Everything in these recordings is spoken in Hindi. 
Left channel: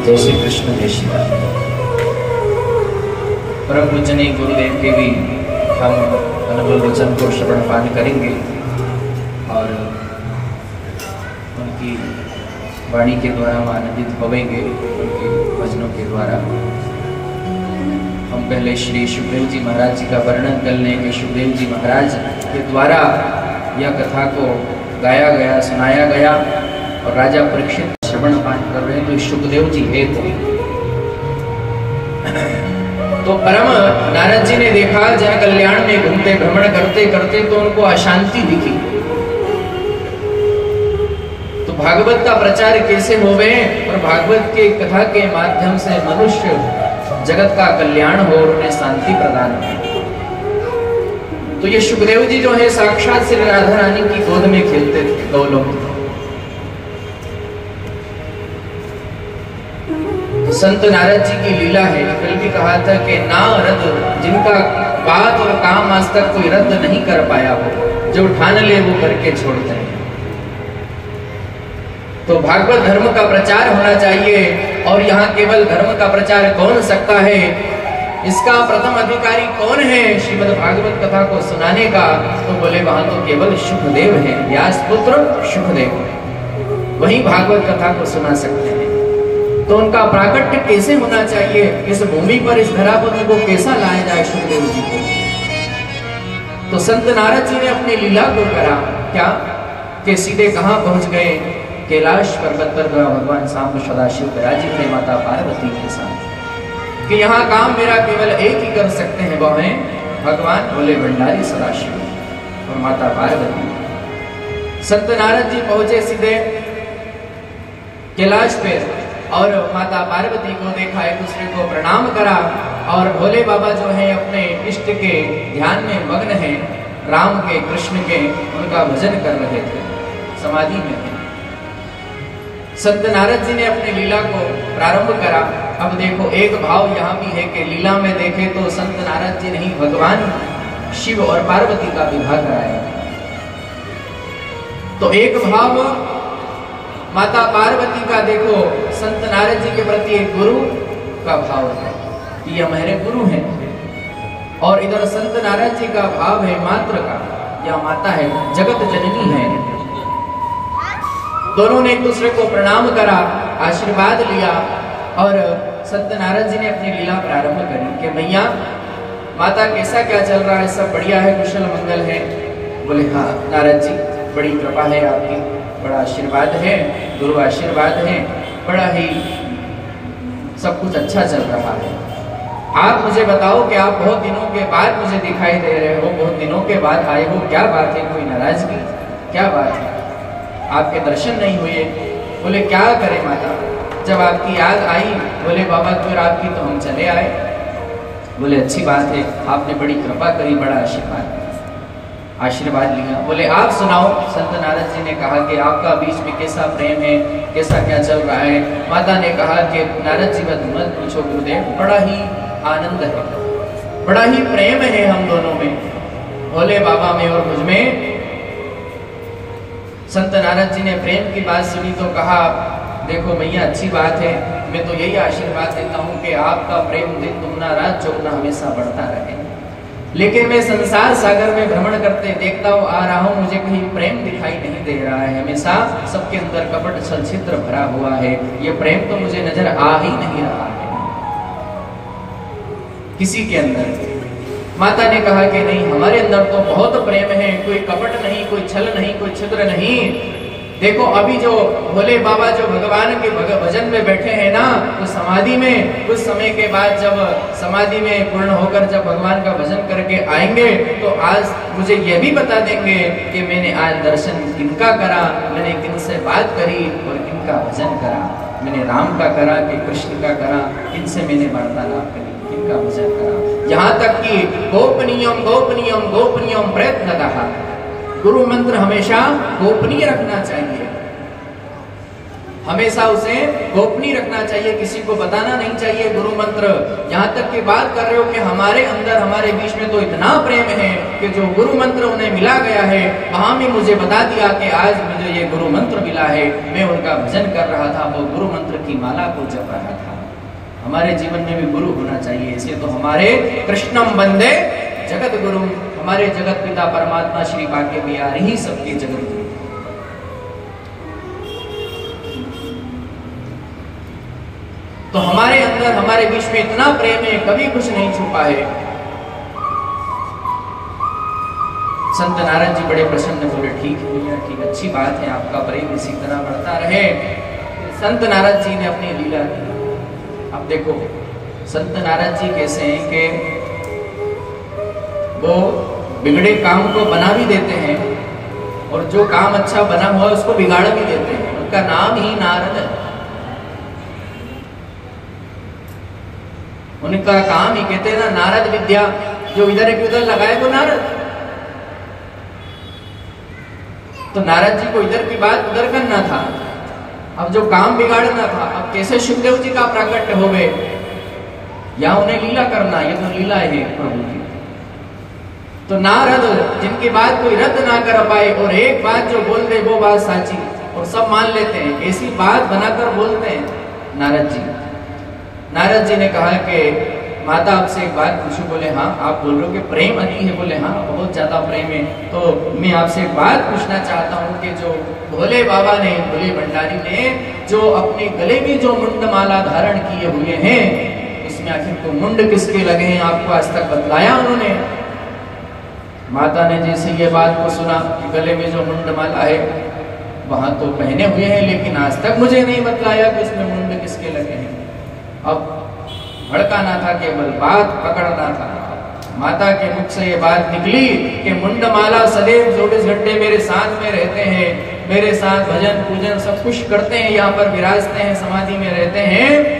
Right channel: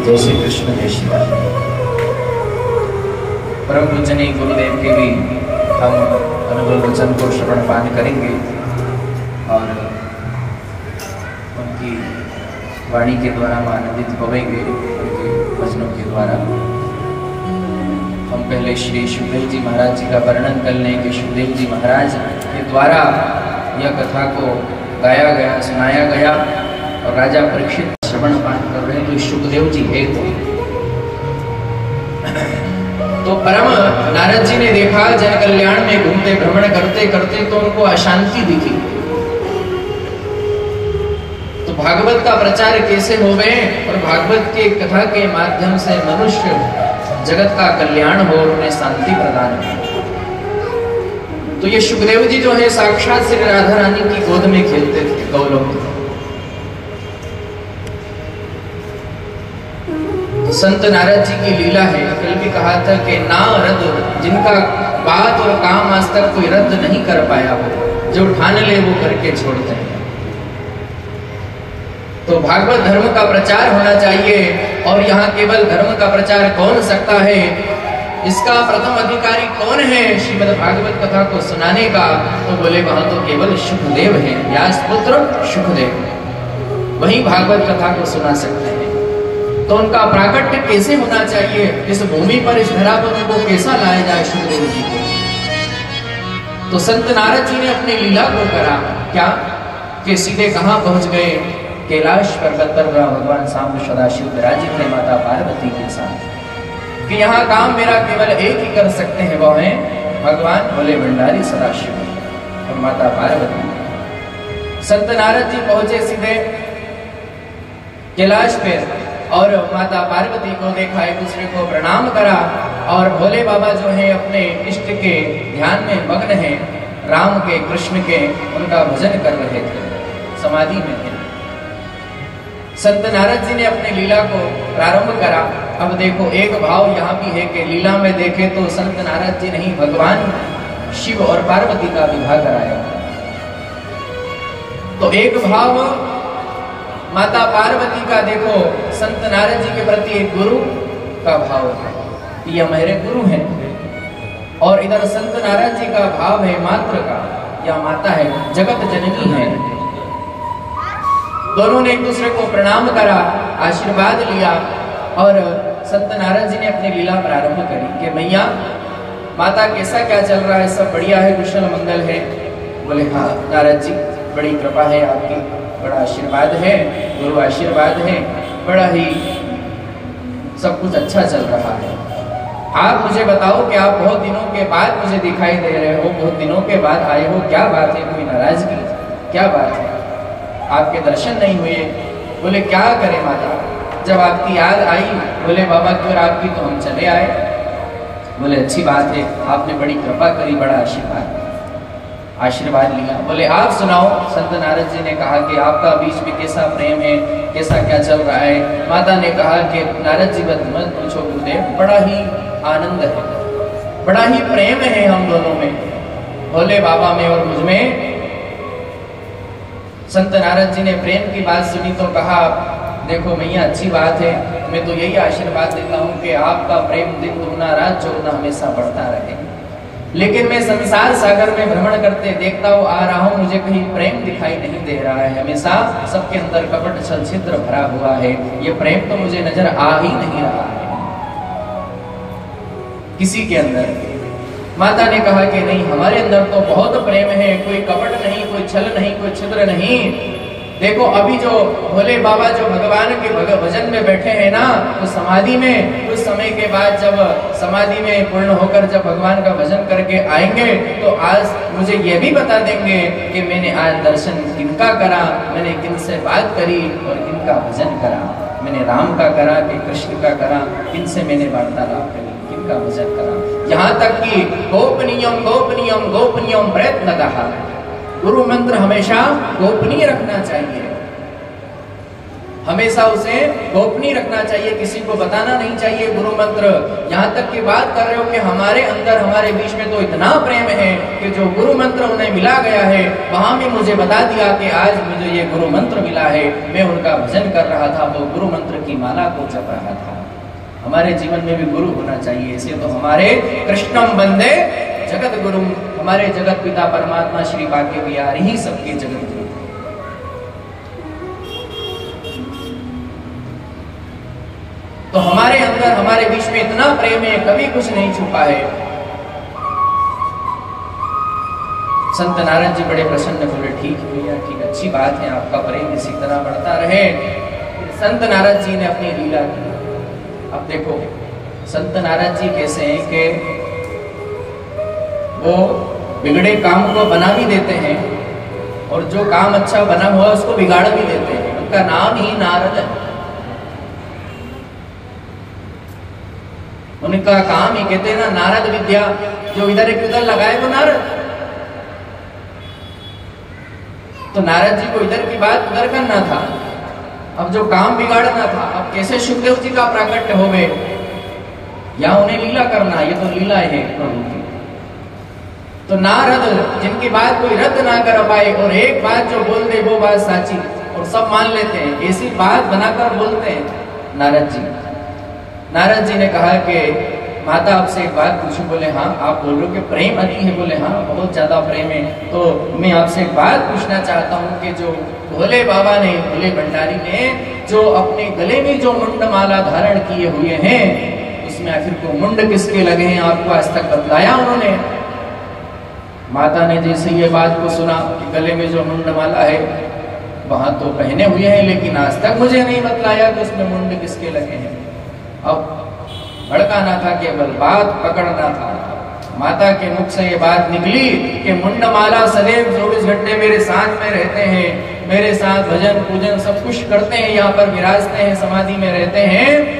जय श्री कृष्ण जय शिवाजी। परम पूजनीय गुरुदेव के भी हम अनुभव वचन को श्रवण पान करेंगे और उनकी वाणी के द्वारा हम आनंदित होवेंगे, उनके वचनों के द्वारा। हम पहले श्री सुखदेव जी महाराज जी का वर्णन कर लें कि सुखदेव जी महाराज के द्वारा यह कथा को गाया गया, सुनाया गया और राजा परीक्षित श्रवण पान कर रहे हैं। तो सुखदेव जी है तो परम नारद जी ने देखा जय कल्याण में घूमते भ्रमण करते करते तो उनको अशांति दिखी। तो भागवत का प्रचार कैसे होवे और भागवत के कथा के माध्यम से मनुष्य जगत का कल्याण हो, उन्हें शांति प्रदान हो। तो ये सुखदेव जी जो है साक्षात श्री राधा रानी की गोद में खेलते थे गौलोक। संत नारद जी की लीला है। कल भी कहा था कि ना रद्द, जिनका बात और काम आज तक कोई रद्द नहीं कर पाया हो, जो ठान ले वो करके छोड़ते हैं। तो भागवत धर्म का प्रचार होना चाहिए और यहाँ केवल धर्म का प्रचार कौन सकता है, इसका प्रथम अधिकारी कौन है श्रीमद् भागवत कथा को सुनाने का? तो बोले वहां तो केवल सुखदेव है, व्यास पुत्र सुखदेव, वही भागवत कथा को सुना सकते हैं। तो उनका प्राकट्य कैसे होना चाहिए, इस भूमि पर, इस धरा पर वो कैसा लाया जाए सुखदेव जी को? तो संत नारद जी ने अपनी लीला को करा क्या कि सीधे कहां पहुंच गए? कैलाश पर्वत पर भगवान सांब सदाशिव विराजित थे माता पार्वती के साथ। कि यहाँ काम मेरा केवल एक ही कर सकते हैं, वो है भगवान बोले भंडारी सदाशिव और माता पार्वती। संत नारद जी पहुंचे सीधे कैलाश पे और माता पार्वती को देखा, एक दूसरे को प्रणाम करा और भोले बाबा जो है अपने इष्ट के ध्यान में मग्न हैं, राम के कृष्ण के, उनका भजन कर रहे थे, समाधि में थे। संत नारद जी ने अपनी लीला को प्रारंभ करा। अब देखो एक भाव यहाँ भी है कि लीला में देखे तो संत नारद जी नहीं, भगवान शिव और पार्वती का विवाह कराया। तो एक भाव माता पार्वती का देखो, संत नारद जी के प्रति एक गुरु का भाव है, ये हमारे गुरु हैं। और इधर संत नारद जी का भाव है मात्र का, यह माता है, जगत जननी है। दोनों ने एक दूसरे को प्रणाम करा, आशीर्वाद लिया और संत नारद जी ने अपनी लीला प्रारंभ करी कि भैया माता कैसा क्या चल रहा है, सब बढ़िया है, कुशल मंगल है? बोले हाँ नारद जी, बड़ी कृपा है आपकी, बड़ा आशीर्वाद है, गुरु आशीर्वाद है, बड़ा ही सब कुछ अच्छा चल रहा है। आप मुझे बताओ कि आप बहुत दिनों के बाद मुझे दिखाई दे रहे हो, बहुत दिनों के बाद आए हो, क्या बात है? कोई नाराजगी, क्या बात है? आपके दर्शन नहीं हुए? बोले क्या करें माता, जब आपकी याद आई, बोले बाबा की और आपकी, तो हम चले आए। बोले अच्छी बात है, आपने बड़ी कृपा करी, बड़ा आशीर्वाद लिया। बोले आप सुनाओ। संत नारद जी ने कहा कि आपका बीच में कैसा प्रेम है, कैसा क्या चल रहा है? माता ने कहा कि नारद जी का मत पूछो गुरुदेव, बड़ा ही आनंद है, बड़ा ही प्रेम है हम दोनों में, भोले बाबा में और मुझ में। संत नारद जी ने प्रेम की बात सुनी तो कहा देखो भैया अच्छी बात है, मैं तो यही आशीर्वाद देता हूँ कि आपका प्रेम दिन दुगना रात चौगुना हमेशा बढ़ता रहे। लेकिन मैं संसार सागर में भ्रमण करते देखता हूँ आ रहा हूँ, मुझे कहीं प्रेम दिखाई नहीं दे रहा है, हमेशा सबके अंदर कपट छल छिद्र भरा हुआ है, ये प्रेम तो मुझे नजर आ ही नहीं रहा है किसी के अंदर। माता ने कहा कि नहीं, हमारे अंदर तो बहुत प्रेम है, कोई कपट नहीं, कोई छल नहीं, कोई छिद्र नहीं। देखो अभी जो भोले बाबा जो भगवान के भजन में बैठे हैं ना, तो समाधि में कुछ समय के बाद जब समाधि में पूर्ण होकर जब भगवान का भजन करके आएंगे तो आज मुझे यह भी बता देंगे कि मैंने आज दर्शन किनका करा, मैंने किनसे बात करी और किनका भजन करा, मैंने राम का करा कि कृष्ण का करा, किनसे मैंने वार्तालाप करी, किनका भजन करा। यहाँ तक कि गोपनीयम गोपनीयम गोपनीयम प्रयत्नतः, गुरु मंत्र हमेशा गोपनीय रखना चाहिए। हमेशा उसे गोपनीय रखना चाहिए, किसी को बताना नहीं चाहिए गुरु मंत्र। यहाँ तक की बात कर रहे हो कि हमारे अंदर हमारे बीच में तो इतना प्रेम है कि जो गुरु मंत्र उन्हें मिला गया है, वहां भी मुझे बता दिया कि आज मुझे ये गुरु मंत्र मिला है, मैं उनका भजन कर रहा था, वो गुरु मंत्र की माला को जप रहा था। हमारे जीवन में भी गुरु होना चाहिए। इसे तो हमारे कृष्णम वंदे जगत गुरु, हमारे जगत पिता परमात्मा श्री भाग्य बिहारी ही सबके जगत गुरु। तो हमारे अंदर हमारे बीच में इतना प्रेम है, कभी कुछ नहीं छुपा है। संत नारद जी बड़े प्रसन्न, बोले ठीक भैया ठीक, अच्छी बात है, आपका प्रेम इसी तरह बढ़ता रहे। संत नारद जी ने अपनी लीला की। अब देखो संत नारद जी कैसे हैं कि वो बिगड़े काम को बना भी देते हैं और जो काम अच्छा बना हुआ है उसको बिगाड़ भी देते हैं। उनका नाम ही नारद है, उनका काम ही कहते हैं ना नारद विद्या, जो इधर एक उधर लगाए वो नारद। तो नारद जी को इधर की बात उधर करना था, अब जो काम बिगाड़ना था, अब कैसे सुखदेव जी का प्राकट्य हो गए या उन्हें लीला करना, ये तो लीला है प्रभु की। तो नारद जिनकी बात कोई रद्द ना कर पाए और एक बात जो बोल दे वो बात साची और सब मान लेते हैं, ऐसी बात बनाकर बोलते हैं नारद जी। नारद जी ने कहा कि माता आपसे एक बात पूछूं? बोले हाँ। आप बोल रहे हो कि प्रेम अति है? बोले हाँ बहुत ज्यादा प्रेम है। तो मैं आपसे एक बात पूछना चाहता हूँ कि जो भोले बाबा ने, भोले भंडारी ने जो अपने गले में जो मुंड माला धारण किए हुए हैं, इसमें आखिर को मुंड किसके लगे हैं, आपको आज तक बतलाया उन्होंने? माता ने जैसे ये बात को सुना, गले में जो मुंड माला है वहां तो पहने हुए हैं, लेकिन आज तक मुझे नहीं बतलाया कि उसमें मुंड किसके लगे हैं। अब भड़काना था, केवल बात पकड़ना था। माता के मुख से ये बात निकली कि मुंडमाला सदैव 24 घंटे मेरे साथ में रहते हैं, मेरे साथ भजन पूजन सब कुछ करते हैं, यहाँ पर विराजते हैं, समाधि में रहते हैं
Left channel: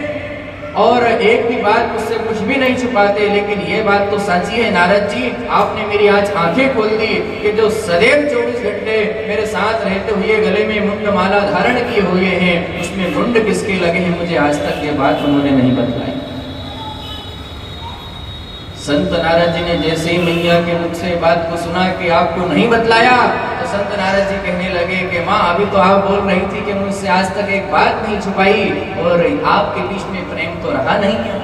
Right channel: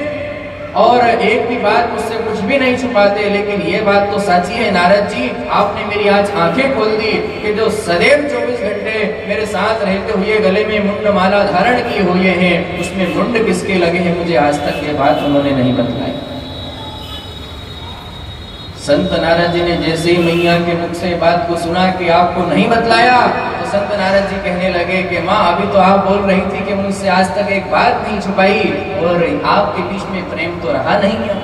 और एक भी बात मुझसे कुछ भी नहीं छुपाते। लेकिन ये बात तो सच्ची है नारद जी, आपने मेरी आज आंखें खोल दी कि जो सदैव 24 घंटे मेरे साथ रहते हुए गले में मुंड माला धारण किए हुए हैं, उसमें मुंड किसके लगे हैं, मुझे आज तक ये बात उन्होंने नहीं बतलाई। संत नारद जी ने जैसे ही मैया के मुख से बात को सुना कि आपको नहीं बतलाया, तो संत नारद जी कहने लगे कि माँ अभी तो आप बोल रही थी कि मुझसे आज तक एक बात नहीं छुपाई और आपके बीच में प्रेम तो रहा नहीं है।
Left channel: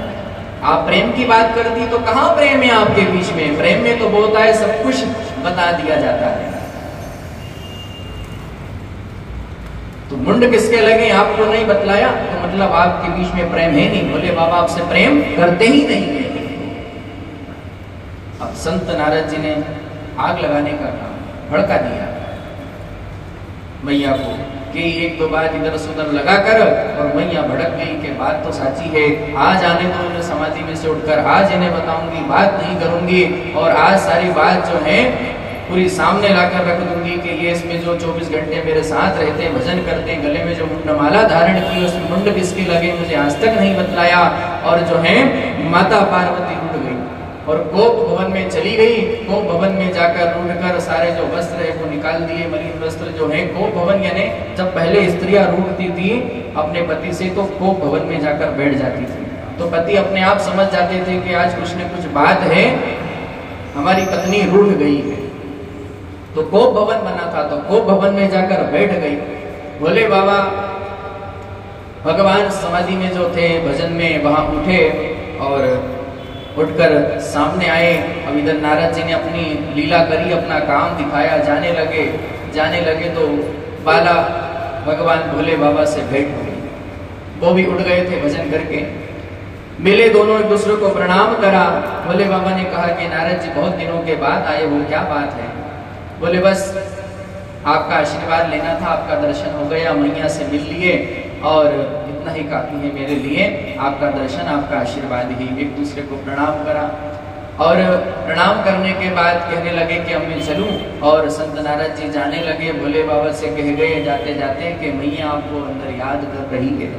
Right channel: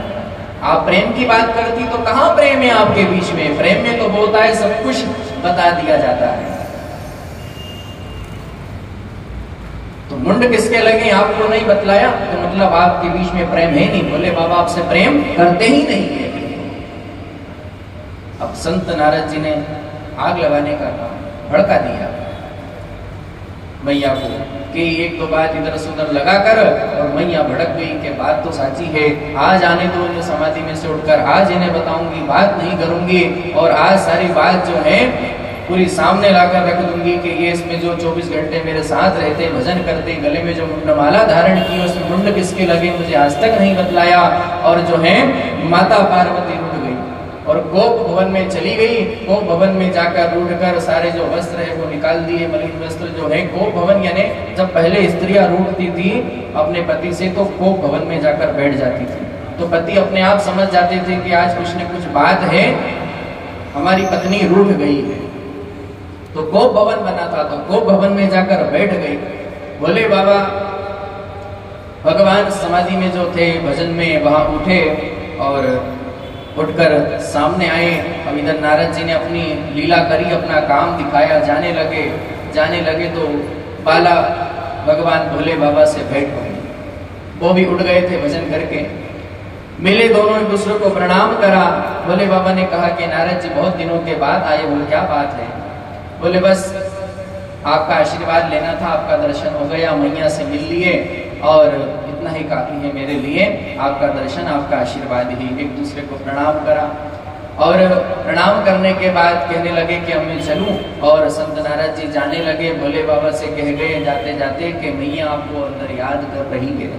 आप प्रेम की बात करती तो कहाँ प्रेम है आपके बीच में? प्रेम में तो बोलता है सब कुछ बता दिया जाता है। तो मुंड किसके लगे आपको नहीं बतलाया, तो मतलब आपके बीच में प्रेम है नहीं। बोले बाबा आपसे प्रेम करते ही नहीं है। अब संत नारद जी ने आग लगाने का काम भड़का दिया मैया को कि एक दो बात इधर से उधर लगाकर, और मैया भड़क गई कि बात तो साची है, आज आने दो इन्हें समाधि में से उठकर, आज इन्हें बताऊंगी, बात नहीं करूंगी और आज सारी बात जो है पूरी सामने लाकर रख दूंगी कि ये इसमें जो 24 घंटे मेरे साथ रहते, भजन करते, गले में जो मुंडमाला धारण की उसमें मुंड किसके लगे मुझे आज तक नहीं बतलाया। और जो है माता पार्वती उठ गई और गोप भवन में चली गई। गोप भवन में जाकर रूढ़कर सारे जो वस्त्र है वो निकाल दिए, मलिन वस्त्र जो है। गोप भवन यानी जब पहले स्त्रियां रूठती थी अपने पति से तो गोप भवन में जाकर बैठ जाती थी, तो पति अपने आप समझ जाते थे कि आज कुछ न कुछ बात है, हमारी पत्नी रूठ गई है। तो गोप भवन बना था, तो गोप भवन में जाकर बैठ गई। बोले बाबा भगवान समाधि में जो थे भजन में, वहां उठे और उठकर सामने आए। अब इधर नारद जी ने अपनी लीला करी, अपना काम दिखाया, जाने लगे तो बाला भगवान भोले बाबा से भेंट हो गई। वो भी उठ गए थे भजन करके, मिले, दोनों एक दूसरे को प्रणाम करा। भोले बाबा ने कहा कि नारद जी बहुत दिनों के बाद आए, वो क्या बात है? बोले बस आपका आशीर्वाद लेना था, आपका दर्शन हो गया, मैया से मिल लिए और इतना ही काफी है मेरे लिए, आपका दर्शन, आपका आशीर्वाद ही। एक दूसरे को प्रणाम करा और प्रणाम करने के बाद कहने लगे कि अब मैं चलूं, और संत नारद जी जाने लगे। भोले बाबा से कह गए जाते जाते कि मैया आपको अंदर याद कर रही है।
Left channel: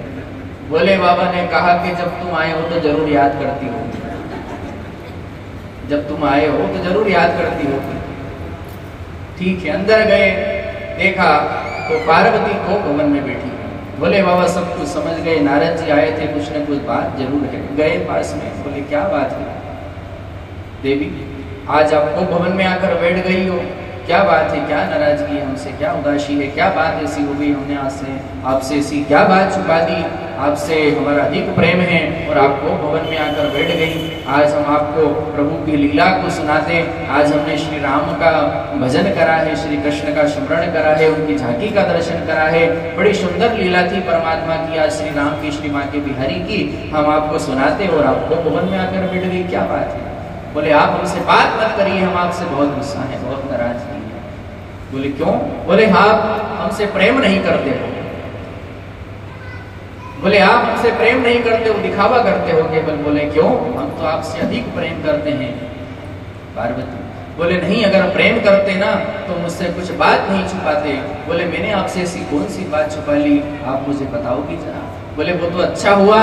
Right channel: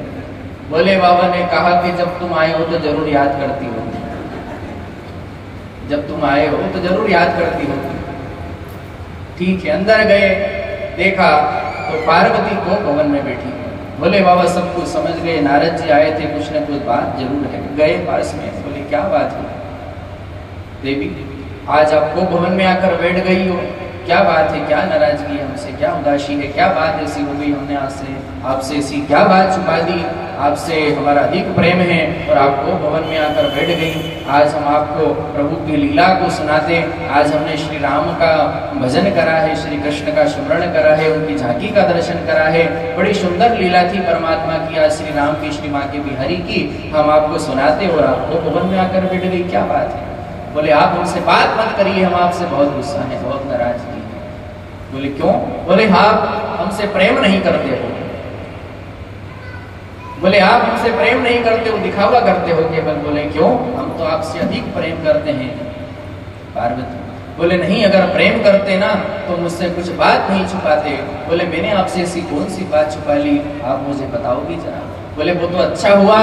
भोले बाबा ने कहा कि जब तुम आए हो तो जरूर याद करती होगी, जब तुम आए हो तो जरूर याद करती होगी। ठीक है, अंदर गए, देखा तो पार्वती को भवन में बैठी, बोले बाबा सब कुछ समझ गए, नारद जी आए थे, कुछ न कुछ बात जरूर है। गए पास में, बोले क्या बात है देवी, आज आपको भवन में आकर बैठ गई हो, क्या बात है, क्या नाराजगी हमसे, क्या उदासी है, क्या बात ऐसी हो गई, हमने आपसे ऐसी क्या बात छुपा दी, आपसे हमारा अधिक प्रेम है और आपको भवन में आकर बैठ गई। आज हम आपको प्रभु की लीला को सुनाते, आज हमने श्री राम का भजन करा है, श्री कृष्ण का स्मरण करा है, उनकी झांकी का दर्शन करा है, बड़ी सुंदर लीला थी परमात्मा की, आज श्री राम की, श्री माँ के बिहारी की हम आपको सुनाते और आपको भवन में आकर बैठ गई, क्या बात है। बोले आप हमसे बात मत करिए, हम आपसे बहुत गुस्सा है, बहुत नाराजगी है। बोले क्यों? बोले आप हमसे प्रेम नहीं करते हो, बोले आप हमसे प्रेम नहीं करते हो, दिखावा करते हो केवल। बोले क्यों? हम तो आपसे अधिक प्रेम करते हैं पार्वती। बोले नहीं, अगर प्रेम करते ना तो मुझसे कुछ बात नहीं छुपाते। बोले मैंने आपसे ऐसी कौन सी बात छुपा ली, आप मुझे बताओगी जरा। बोले वो तो अच्छा हुआ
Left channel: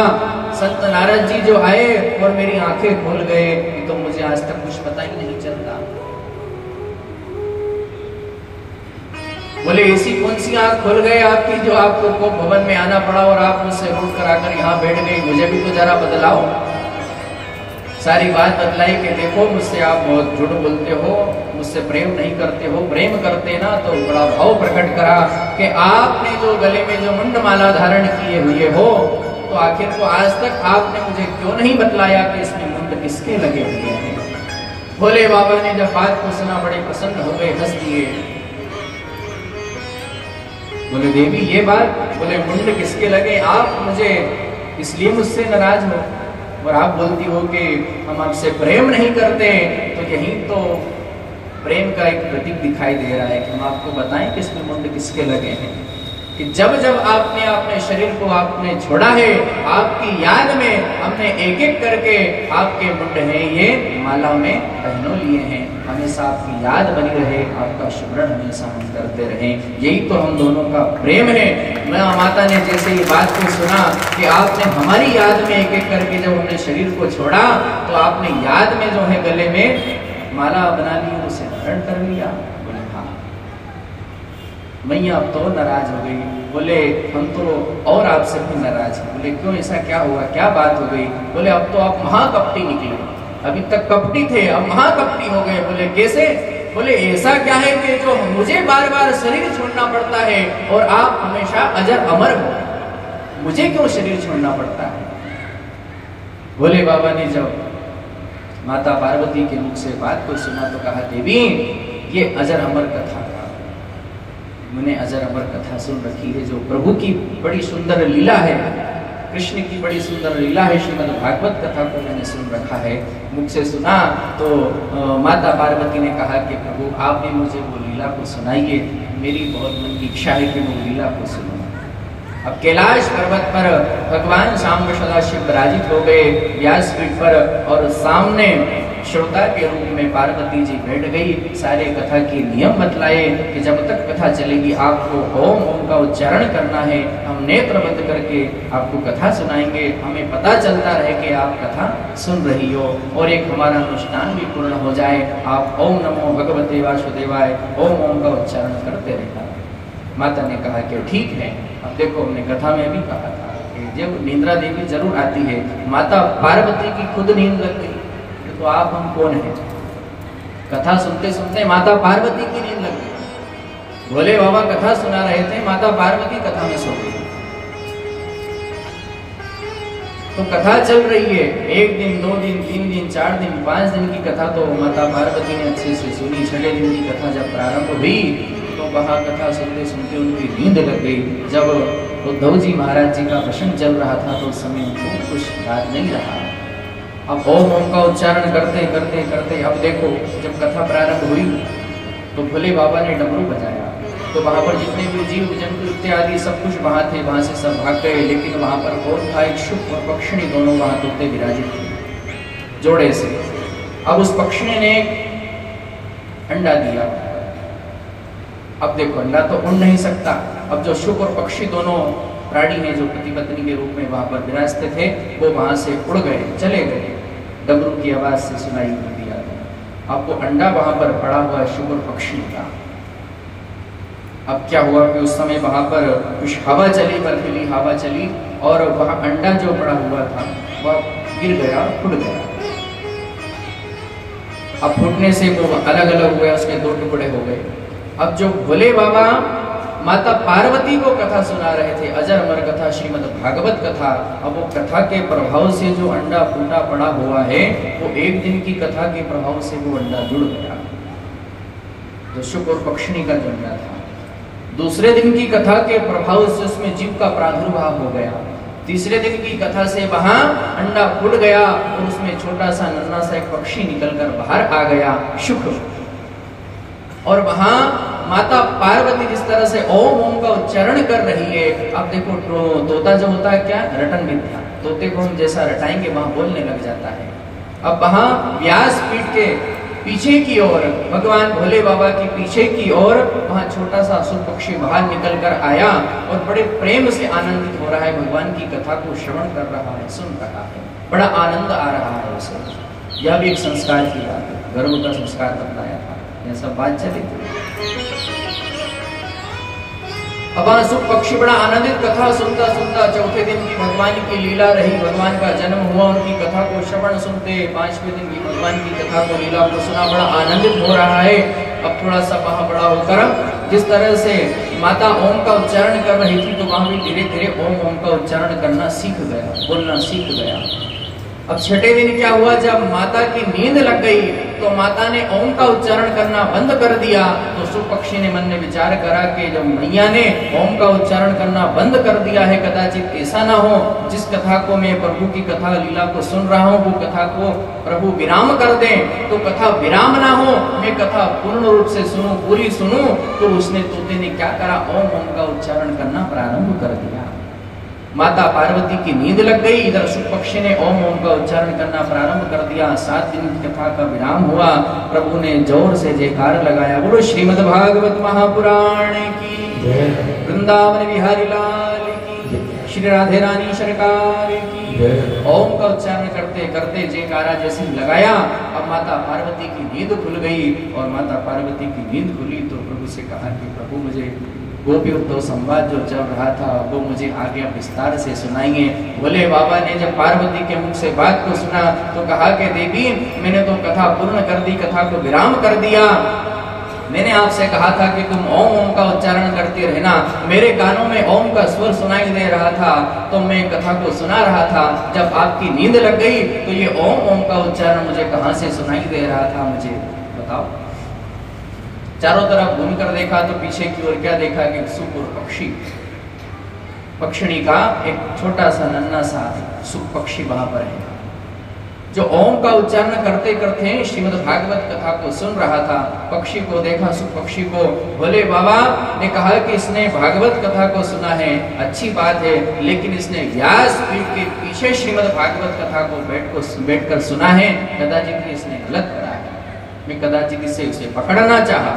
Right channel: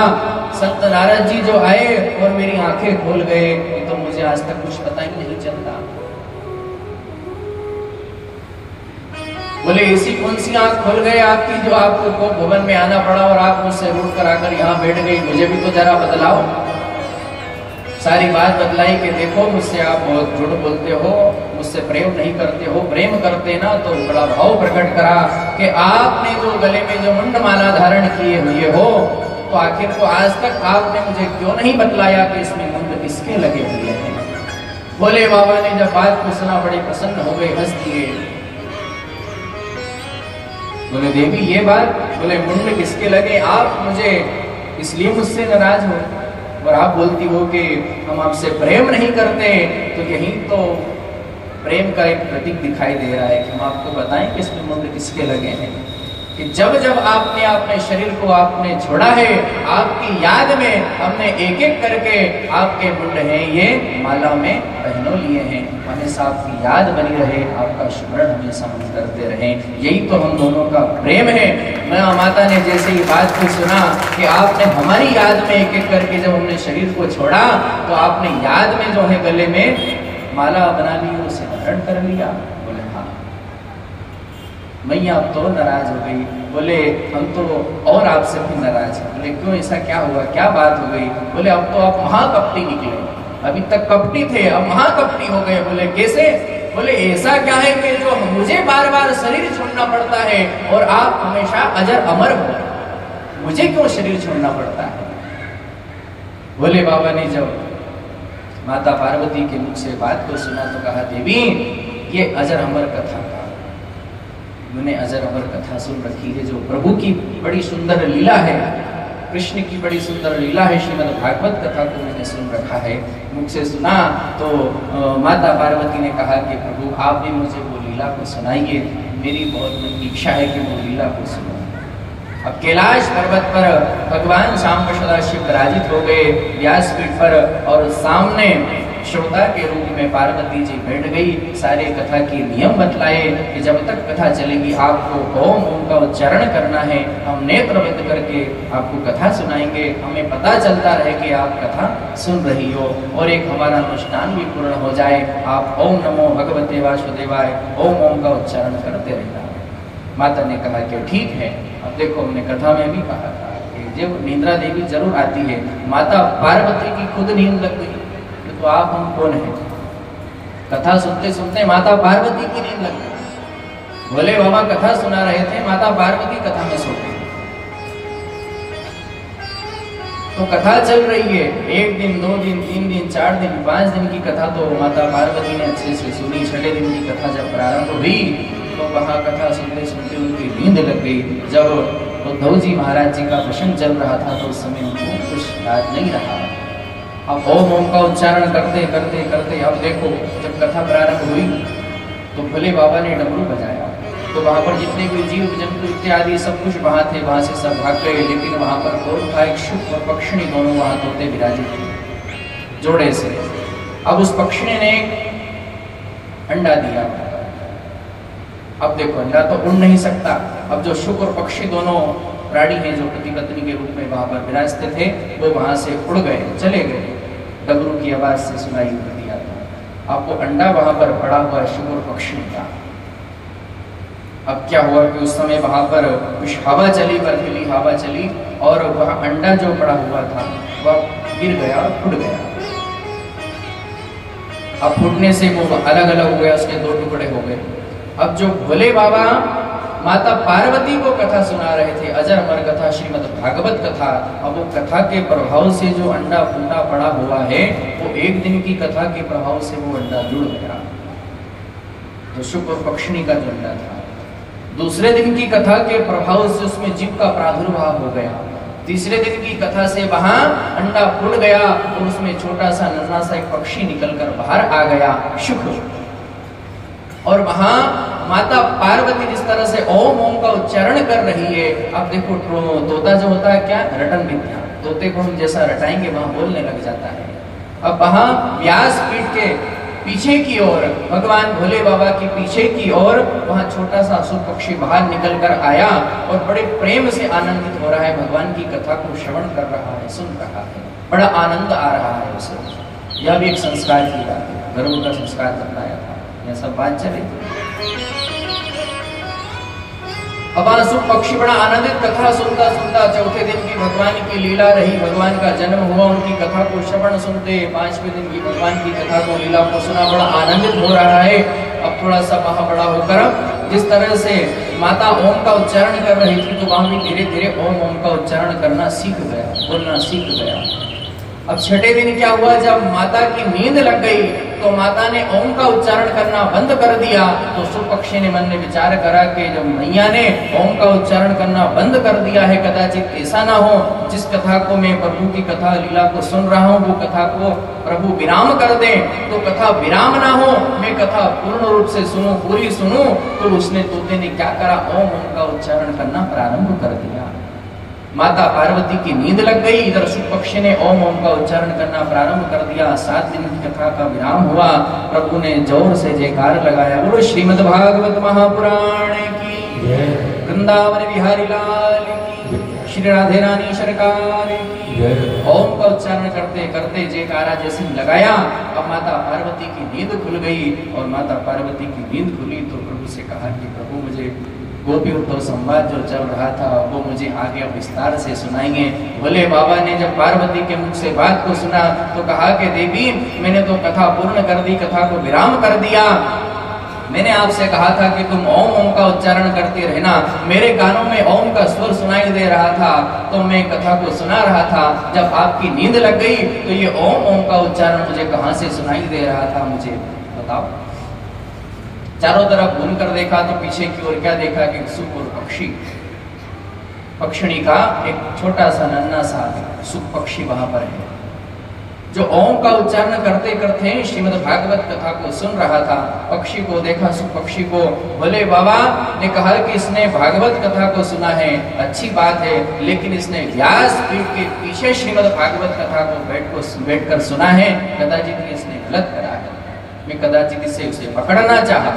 संत नारद जी जो आए और मेरी आंखें खुल गए, तो मुझे आज तक कुछ पता ही नहीं चलता। बोले ऐसी कौन सी आंख खुल गए आपकी जो आपको भवन में आना पड़ा और आप मुझसे रूट कर आकर यहाँ बैठ गई, मुझे भी तो जरा बतलाओ। सारी बात बतलाई कि देखो मुझसे आप बहुत झूठ बोलते हो, मुझसे प्रेम नहीं करते हो, प्रेम करते ना तो बड़ा भाव प्रकट करा कि आपने जो गले में जो मुंडमाला धारण किए हुए हो, तो आखिर को आज तक आपने मुझे क्यों नहीं बतलाया कि इसमें मुंड किसके लगे हुए हैं। बोले बाबा ने जब बात को सुना बड़े प्रसन्न हो गए, हंस दिए। बोले देवी ये बात, बोले मुंड किसके लगे, आप मुझे इसलिए मुझसे नाराज हो और आप बोलती हो कि हम आपसे प्रेम नहीं करते, तो यही तो प्रेम का एक प्रतीक दिखाई दे रहा है कि हम आपको बताएं कि इसमें मुंड किसके लगे हैं। कि जब जब आपने अपने शरीर को आपने छोड़ा है, आपकी याद में हमने एक एक करके आपके मुंड हैं ये माला में पहनो लिए हैं। हमेशा आपकी याद बनी रहे, आपका स्मरण हमेशा हम करते रहे, यही तो हम दोनों का प्रेम है। मैं माता ने जैसे ही बात को सुना कि आपने हमारी याद में एक एक करके जब हमने शरीर को छोड़ा, तो आपने याद में जो है गले में माला बना ली, उसे धारण कर लिया। मैया अब तो नाराज हो गई। बोले हम तो और आपसे भी नाराज हैं। बोले क्यों, ऐसा क्या हुआ, क्या बात हो गई। बोले अब तो आप महाकपटी निकले, अभी तक कपटी थे अब महाकपटी हो गए। बोले कैसे। बोले ऐसा क्या है कि जो मुझे बार बार शरीर छोड़ना पड़ता है और आप हमेशा अजर अमर हो, मुझे क्यों शरीर छोड़ना पड़ता है। बोले बाबा ने जब माता पार्वती के मुख से बात को सुना तो कहा देवी ये अजर अमर कथा, मैंने अजर अमर कथा सुन रखी है, जो प्रभु की बड़ी सुंदर लीला है, कृष्ण की बड़ी सुंदर लीला है, श्रीमद् भागवत कथा को मैंने सुन रखा है। मुख से सुना तो माता पार्वती ने कहा कि प्रभु आप भी मुझे वो लीला को सुनाइए, मेरी बहुत मन की इच्छा है कि वो लीला को सुनूं। अब कैलाश पर्वत पर भगवान शाम सदाशिव विराजित हो गए व्यासपीठ पर, और सामने श्रोता के रूप में पार्वती जी बैठ गई। सारे कथा के नियम बतलाए कि जब तक कथा चलेगी आपको ओम ओम का उच्चारण करना है, हम नेत्र बंद करके आपको कथा सुनाएंगे, हमें पता चलता रहे कि आप कथा सुन रही हो, और एक हमारा अनुष्ठान भी पूर्ण हो जाए। आप ओम नमो भगवते वासुदेवाय ओम ओम का उच्चारण करते रहना। माता ने कहा कि ठीक है। अब देखो हमने कथा में भी कहा था कि जब निद्रा देवी जरूर आती है, माता पार्वती की खुद नींद लग गई, तो आप हम कौन हैं। कथा सुनते सुनते माता पार्वती की नींद लग गई। भोले बाबा कथा सुना रहे थे, माता पार्वती कथा में सो गई। तो कथा चल रही है, 1 दिन 2 दिन 3 दिन 4 दिन 5 दिन की कथा तो माता पार्वती ने अच्छे से सुनी। 6वें दिन की कथा जब प्रारंभ हुई तो वहां कथा सुनते सुनते उनकी नींद लग गई। जब उद्धव जी महाराज जी का प्रसंग चल रहा था तो उस समय उनको कुछ याद नहीं रहा। अब ओम ओम का उच्चारण करते करते करते अब देखो जब कथा प्रारंभ हुई तो भोले बाबा ने डमरू बजाया, तो वहां पर जितने भी जीव जंतु इत्यादि सब कुछ वहां थे, वहां से सब भाग गए। लेकिन वहां पर कौन था, एक शुक और पक्षिणी दोनों वहां तोते विराजित थे जोड़े से। अब उस पक्षिणी ने अंडा दिया। अब देखो अंडा तो उड़ नहीं सकता। अब जो शुक और पक्षी दोनों प्राणी हैं जो पति पत्नी के रूप में वहां पर विराजते थे, वो वहां से उड़ गए, चले गए, डमरू की आवाज से सुनाई देती आती। अब वो अंडा वहां पर पड़ा हुआ शुक और पक्षी था। अब क्या हुआ कि उस समय वहां पर कुछ हवा चली, बर्फीली हवा चली और वह अंडा जो पड़ा हुआ था वह गिर गया, फूट गया। अब फूटने से वो अलग अलग हो गया, उसके दो टुकड़े हो गए। अब जो भोले बाबा माता पार्वती को कथा सुना रहे थे, अजर अमर कथा, श्रीमद् भागवत कथा, अब वो कथा के प्रभाव से जो अंडा फूटा पड़ा हुआ है वो एक दिन की कथा के प्रभाव से वो अंडा जुड़ गया, जो शुक्र और पक्षिणी का जो अंडा था। दूसरे दिन की कथा के प्रभाव से उसमें जीव का प्रादुर्भाव हो गया। तीसरे दिन की कथा से वहां अंडा फूट गया और उसमें छोटा सा नन्हा सा एक पक्षी निकलकर बाहर आ गया, शुक्र। और वहां माता पार्वती जिस तरह से ओम ओम का उच्चारण कर रही है, अब देखो तोता जो होता है क्या, रटन विद्या, तोते को हम जैसा रटाएंगे वहां बोलने लग जाता है। अब वहां व्यास पीठ के पीछे की ओर, भगवान भोले बाबा की पीछे की ओर वहां छोटा सा असुर पक्षी बाहर निकल कर आया और बड़े प्रेम से आनंदित हो रहा है, भगवान की कथा को श्रवण कर रहा है, सुन रहा है, बड़ा आनंद आ रहा है उसे। यह भी एक संस्कार की बात है, गर्व का संस्कार बताया था, यह सब बात चली थी। अब असुर पक्षी बड़ा आनंदित कथा सुनता सुनता चौथे दिन की भगवान की लीला रही, भगवान का जन्म हुआ, उनकी कथा को श्रवण सुनते, पांचवें दिन की भगवान की कथा को लीला को सुना, बड़ा आनंदित हो रहा है। अब थोड़ा सा वहां बड़ा होकर जिस तरह से माता ओम का उच्चारण कर रही थी तो वहां भी धीरे धीरे ओम ओम का उच्चारण करना सीख गया, बोलना सीख गया। अब छठे दिन क्या हुआ, जब माता की नींद लग गई तो माता ने ओम का उच्चारण करना बंद कर दिया। तो शुक्र पक्षी ने मन में विचार करा कि जब मैया ने ओम का उच्चारण करना बंद कर दिया है, कदाचित ऐसा ना हो जिस कथा को मैं प्रभु की कथा लीला को सुन रहा हूँ वो कथा को प्रभु विराम कर दे, तो कथा विराम ना हो, मैं कथा पूर्ण रूप से सुनूं, पूरी सुनूं। तो उसने तोते ने क्या करा, ओम ओम का उच्चारण करना प्रारंभ कर दिया। माता पार्वती की नींद लग गई, इधर शुक्र पक्षी ने ओम ओम का उच्चारण करना प्रारंभ कर दिया। 7 दिन की कथा का विराम हुआ, प्रभु ने जोर से जयकार लगाया, बोलो श्रीमद् भागवत महापुराण की, वृंदावन बिहारी लाल की, श्री राधे रानी सरकार की। ओम का उच्चारण करते करते जयकारा जैसे लगाया, अब माता पार्वती की नींद खुल गई। और माता पार्वती की नींद खुली तो प्रभु से कहा कि प्रभु मुझे गोपी उद्धव संवाद जो चल रहा था वो मुझे आगे विस्तार से सुनाएंगे। भोले बाबा ने जब पार्वती के मुख से बात को सुना तो कहा कि देवी मैंने तो कथा पूर्ण कर दी, कथा को विराम कर दिया। मैंने आपसे कहा था कि तुम ओम ओम का उच्चारण करते रहना, मेरे कानों में ओम का स्वर सुनाई दे रहा था तो मैं कथा को सुना रहा था। जब आपकी नींद लग गई तो ये ओम ओम का उच्चारण मुझे कहां से सुनाई दे रहा था, मुझे बताओ। चारों तरफ घूम कर देखा तो पीछे की ओर क्या देखा कि सुख और पक्षी, पक्षिणी का एक छोटा सा नन्हा सा सुख पक्षी वहां पर है, जो ओम का उच्चारण करते करते श्रीमद् भागवत कथा को सुन रहा था। पक्षी को देखा, सुख पक्षी को। भोले बाबा ने कहा कि इसने भागवत कथा को सुना है, अच्छी बात है, लेकिन इसने व्यास पीठ के पीछे श्रीमद् भागवत कथा को बैठ कर सुना है, कदाचित इसने गलत करा है, मैं कदाचित इसे उसे पकड़ना चाहा।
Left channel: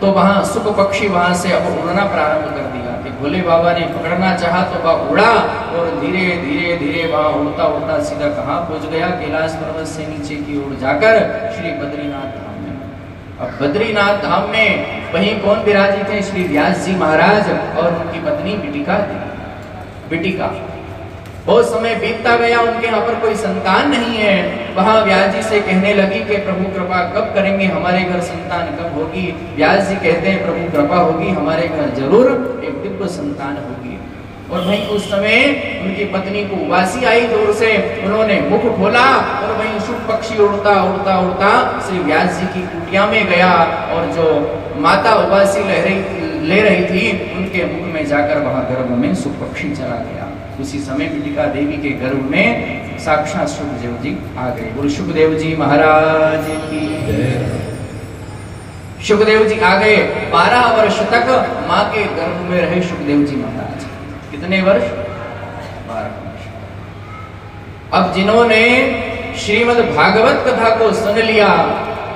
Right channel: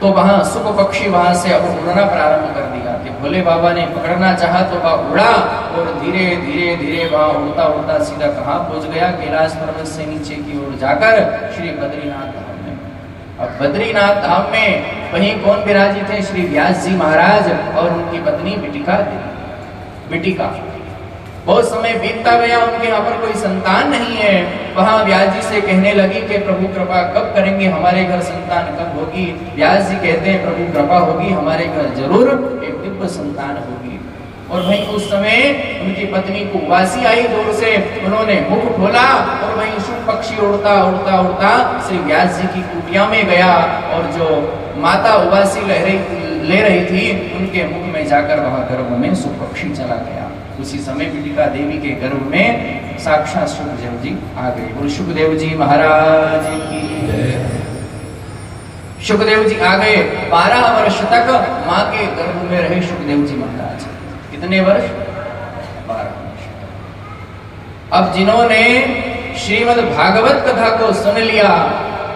तो वहां सुख पक्षी वहां से अब उड़ना प्रारंभ कर दिया कि भोले बाबा ने पकड़ना चाहा तो वह उड़ा और धीरे धीरे धीरे वह उड़ता उड़ता सीधा कहां पहुंच गया, कैलाश पर्वत से नीचे की ओर जाकर श्री बद्रीनाथ धाम में। अब बद्रीनाथ धाम में वहीं कौन विराजित थे, श्री व्यास जी महाराज और उनकी पत्नी बिटिका। बहुत समय बीतता गया, उनके यहाँ पर कोई संतान नहीं है। वहां व्यास जी से कहने लगी कि प्रभु कृपा कब करेंगे, हमारे घर संतान कब होगी। व्यास जी कहते हैं प्रभु कृपा होगी, हमारे घर जरूर एक दिव्य संतान होगी। और वहीं उस समय उनकी पत्नी को उबासी आई, जोर से उन्होंने मुख खोला और वहीं शुभ पक्षी उड़ता उड़ता उड़ता श्री व्यास जी की कुटिया में गया और जो माता उबासी ले रही थी उनके मुख में जाकर वहां गर्भ में शुभ पक्षी चला गया। उसी समय बिटिका देवी के गर्भ में साक्षात सुखदेव जी आ गए। बोल सुखदेव जी महाराज की। सुखदेव जी आ गए, 12 वर्ष तक मां के गर्भ में रहे सुखदेव जी महाराज। कितने वर्ष? 12 वर्ष। अब जिन्होंने श्रीमद् भागवत कथा को सुन लिया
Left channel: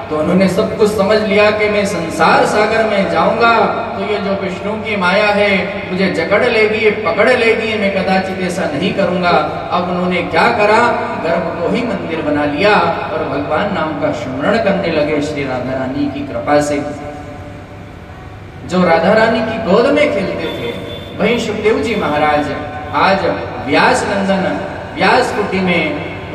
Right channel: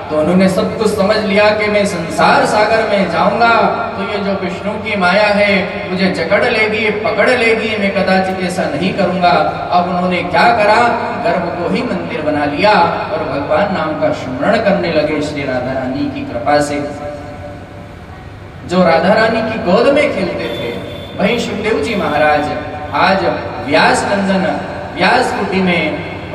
तो उन्होंने सब कुछ समझ लिया कि मैं संसार सागर में जाऊंगा तो ये जो विष्णु की माया है मुझे जकड़ लेगी, पकड़ लेगी, मैं कदाचित ऐसा नहीं करूंगा। अब उन्होंने क्या करा, गर्भ को ही मंदिर बना लिया और भगवान नाम का स्मरण करने लगे श्री राधा रानी की कृपा से। जो राधा रानी की गोद में खेलते थे, वहीं सुखदेव जी महाराज आज व्यास नंदन व्यास कुटी में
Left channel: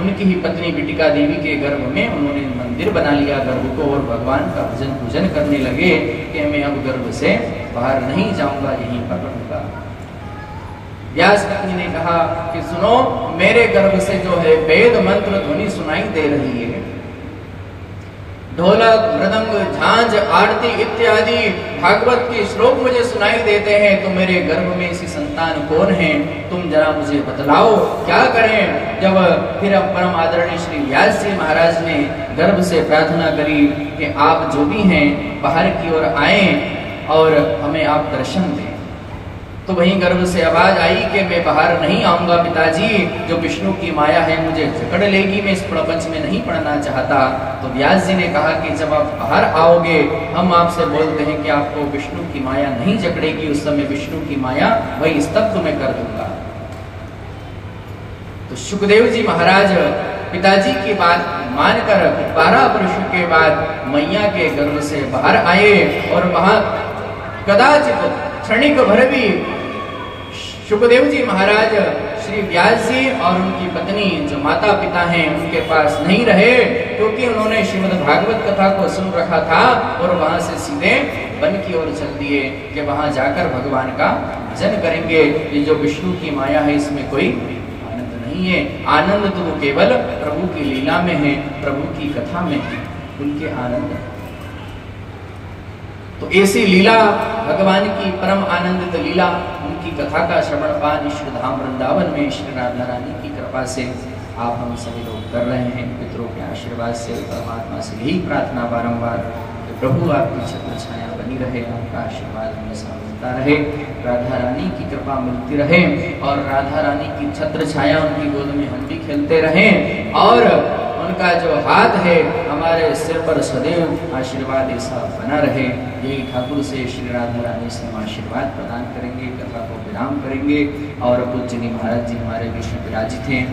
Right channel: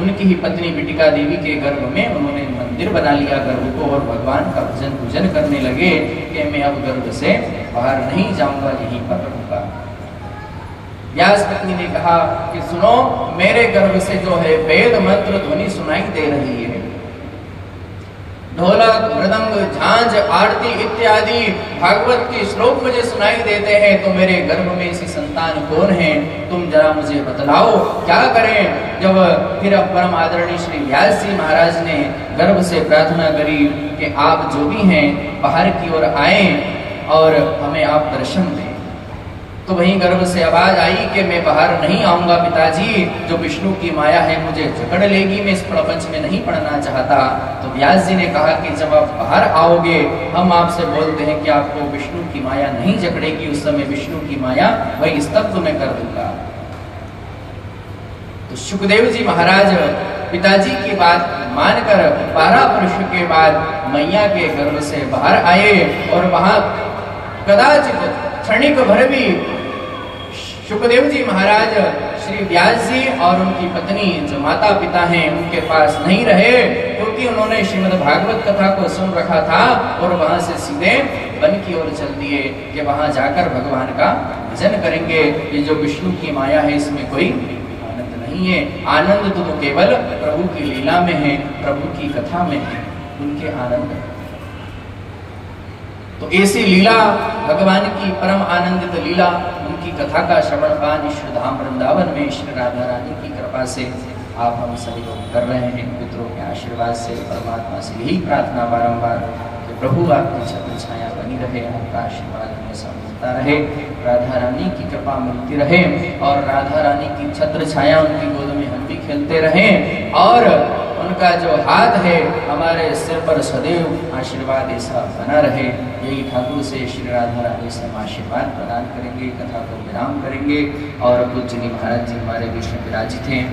उनकी ही पत्नी बिटिका देवी के गर्भ में उन्होंने मंदिर बना लिया गर्भ को, और भगवान का भजन पूजन करने लगे कि मैं अब गर्भ से बाहर नहीं जाऊंगा, यहीं पर रहूंगा। व्यास पत्नी ने कहा कि सुनो, मेरे गर्भ से जो है वेद मंत्र ध्वनि सुनाई दे रही है, ढोलक मृदंग झांझ आरती इत्यादि भागवत के श्लोक मुझे सुनाई देते हैं, तो मेरे गर्भ में ऐसी संतान कौन है, तुम जरा मुझे बतलाओ क्या करें। जब फिर अब परम आदरणीय श्री व्यास जी महाराज ने गर्भ से प्रार्थना करी कि आप जो भी हैं बाहर की ओर आए और हमें आप दर्शन दें, तो वहीं गर्भ से आवाज आई कि मैं बाहर नहीं आऊंगा पिताजी, जो विष्णु की माया है मुझे जकड़ लेगी, मैं इस प्रपंच में नहीं पढ़ना चाहता। तो व्यास जी ने कहा कि जब आप बाहर आओगे, हम आपसे बोलते हैं कि आपको विष्णु की माया नहीं जकड़ेगी, उस समय विष्णु की माया वही स्तब्ध में कर दूंगा। तो सुखदेव जी महाराज पिताजी की बात मानकर 12 वर्ष के बाद मैया के गर्भ से बाहर आए, और वहां कदाचित क्षणिक भर भी सुखदेव जी महाराज श्री व्यास जी और उनकी पत्नी जो माता पिता हैं उनके पास नहीं रहे, क्योंकि उन्होंने श्रीमद् भागवत कथा को सुन रखा था और वहां से सीधे वन की ओर चल दिए कि वहां जाकर भगवान का भजन करेंगे। ये जो विष्णु की माया है इसमें कोई आनंद नहीं है, आनंद तो केवल प्रभु की लीला में है, प्रभु की कथा में है, उनके आनंद है। तो ऐसी लीला भगवान की परम आनंदित लीला, उनकी कथा का श्रवण पान ईश्वरधाम वृंदावन में श्री राधा रानी की कृपा से आप हम सभी लोग कर रहे हैं। पितरों के आशीर्वाद से परमात्मा से यही प्रार्थना बारंबार कि प्रभु आपकी छत्र छाया बनी रहे, आपका आशीर्वाद हमें मिलता रहे, राधा रानी की कृपा मिलती रहे, और राधा रानी की छत्र छाया उनकी गोद में हम भी खेलते रहें, और उनका जो हाथ है हमारे सिर पर सदैव आशीर्वाद ऐसा बना रहे। यही ठाकुर से श्री राधा रानी से हम आशीर्वाद प्रदान करेंगे, कथा को विराम करेंगे। और पूज्यनी महाराज जी हमारे बीच में विराजित हैं,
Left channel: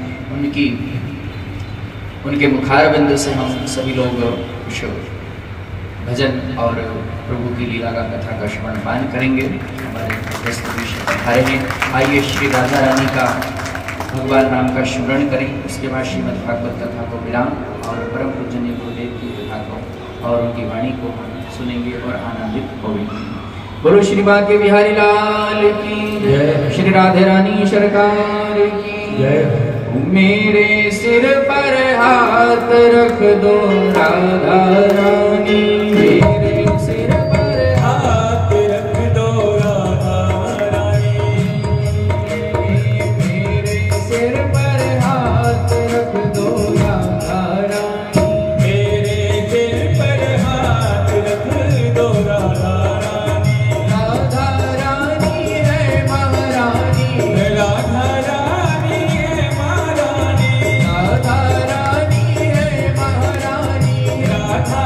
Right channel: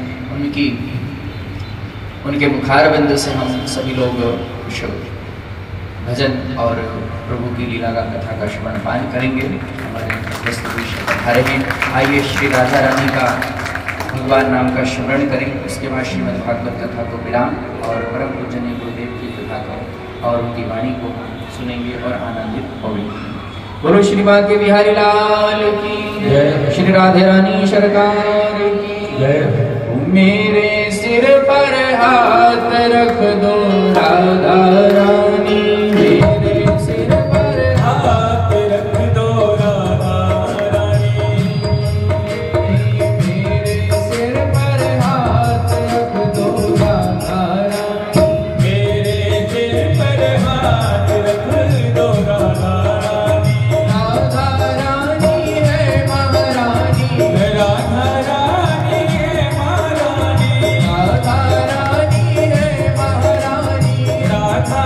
उनके मुखारबिंद से हम सभी लोग कुछ भजन और प्रभु की लीला का कथा का श्रवण पान करेंगे। हमारे आइए श्री राधा रानी का भगवान नाम का स्मरण करें, उसके बाद श्रीमद् भागवत कथा को विराम और परम पूजनीय गुरुदेव की कथा को और उनकी वाणी को सुनेंगे और आनंदित होंगे। बोलो श्री बांके बिहारी लाल की जय, श्री राधे रानी सरकार की जय। मेरे सिर पर हाथ रख दो राधा रानी, मेरे सिर पर हाथ रख दो राधा रानी, मेरे सिर पर हाथ रख दो राधा रानी, मेरे सिर पर हाथ रख दो राधा रानी। राधा रानी है महारानी, राधा रानी है महारानी, राधा रानी है महारानी, राधा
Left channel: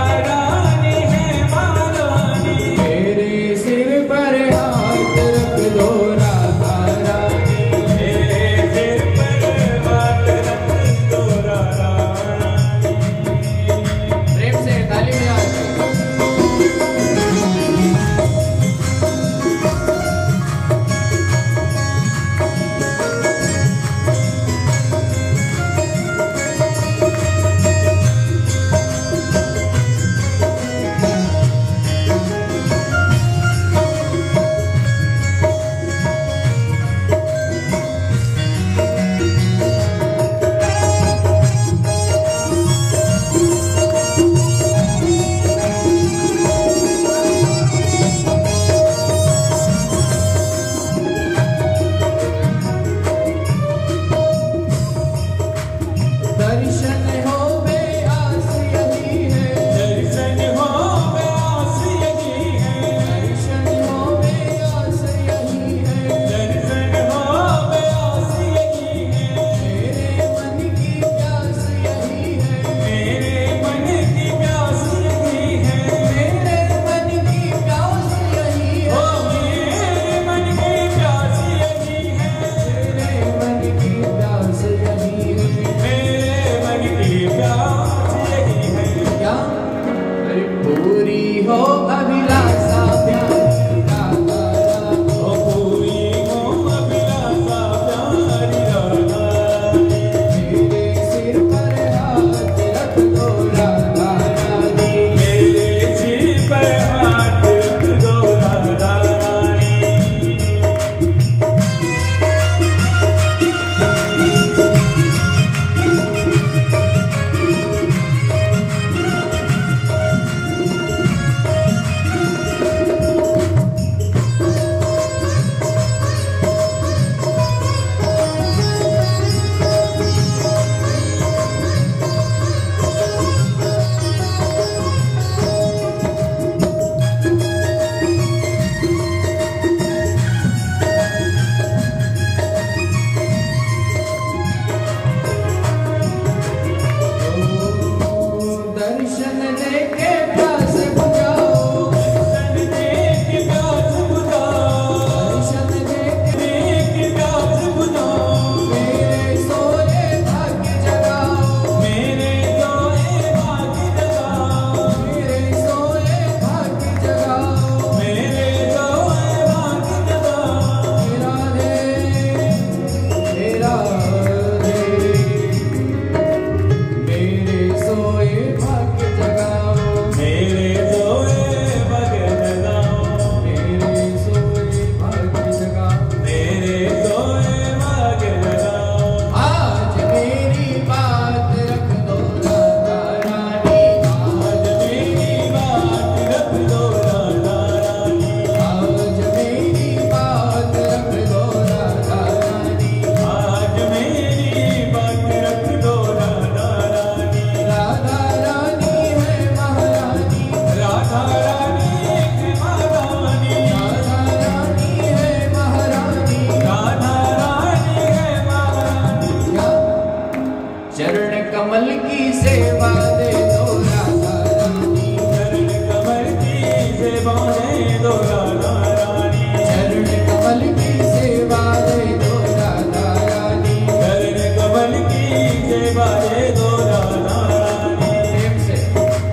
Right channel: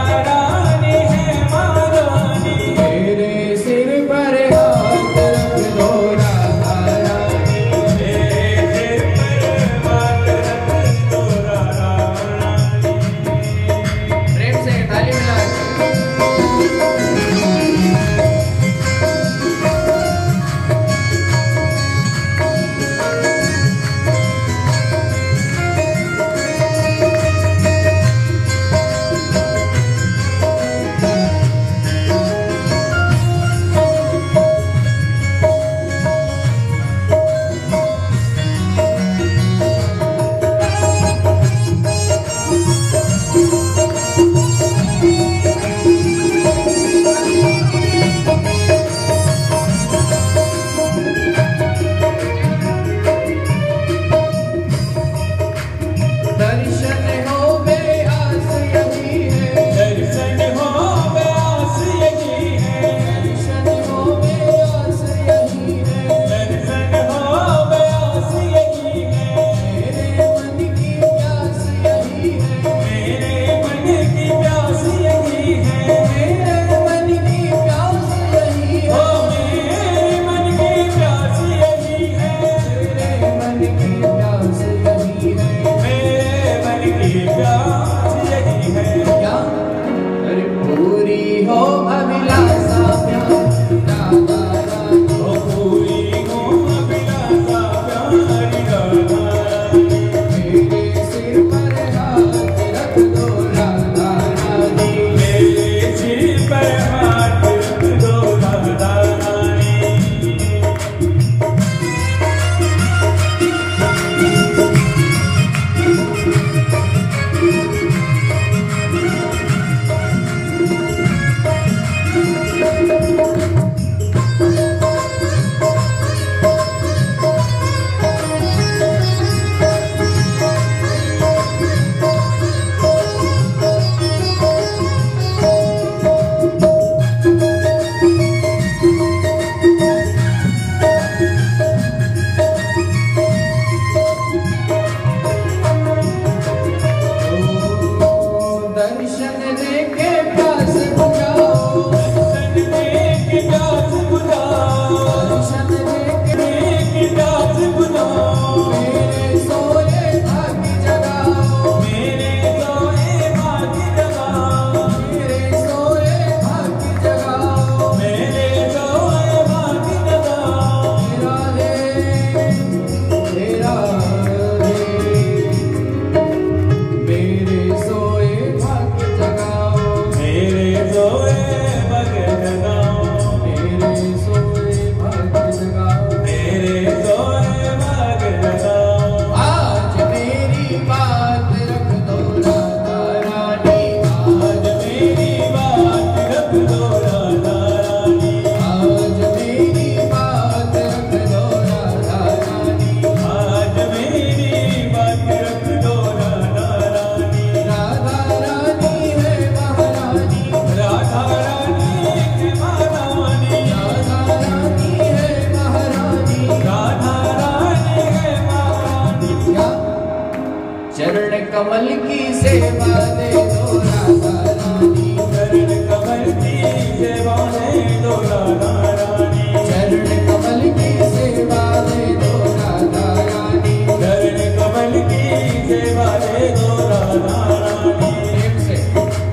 चरण कमल की सेवा दे दो राधा रानी, चरण कमल की सेवा दे दो राधा रानी, चरण कमल की सेवा दे दो राधा रानी, चरण कमल की सेवा दे दो राधा रानी। प्रेम से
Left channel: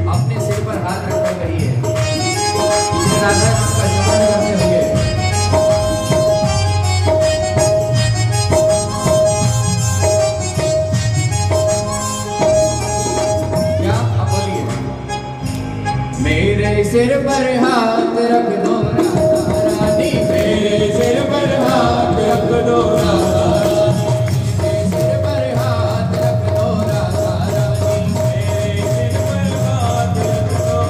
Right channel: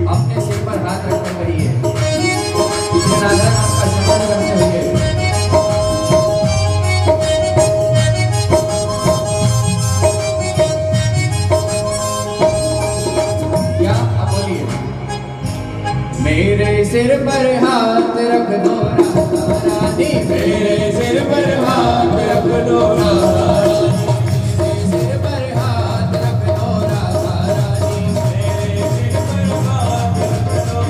अपने सिर पर हाथ रखते रहिए, श्री राधा नाम का स्मरण करते हुए। क्या आप बोलिए, मेरे सिर पर हाथ रख दो राधा रानी, मेरे सिर पर हाथ रख दो राधा रानी, मेरे सिर पर हाथ रख दो राधा रानी, मेरे सिर पर हाथ रख दो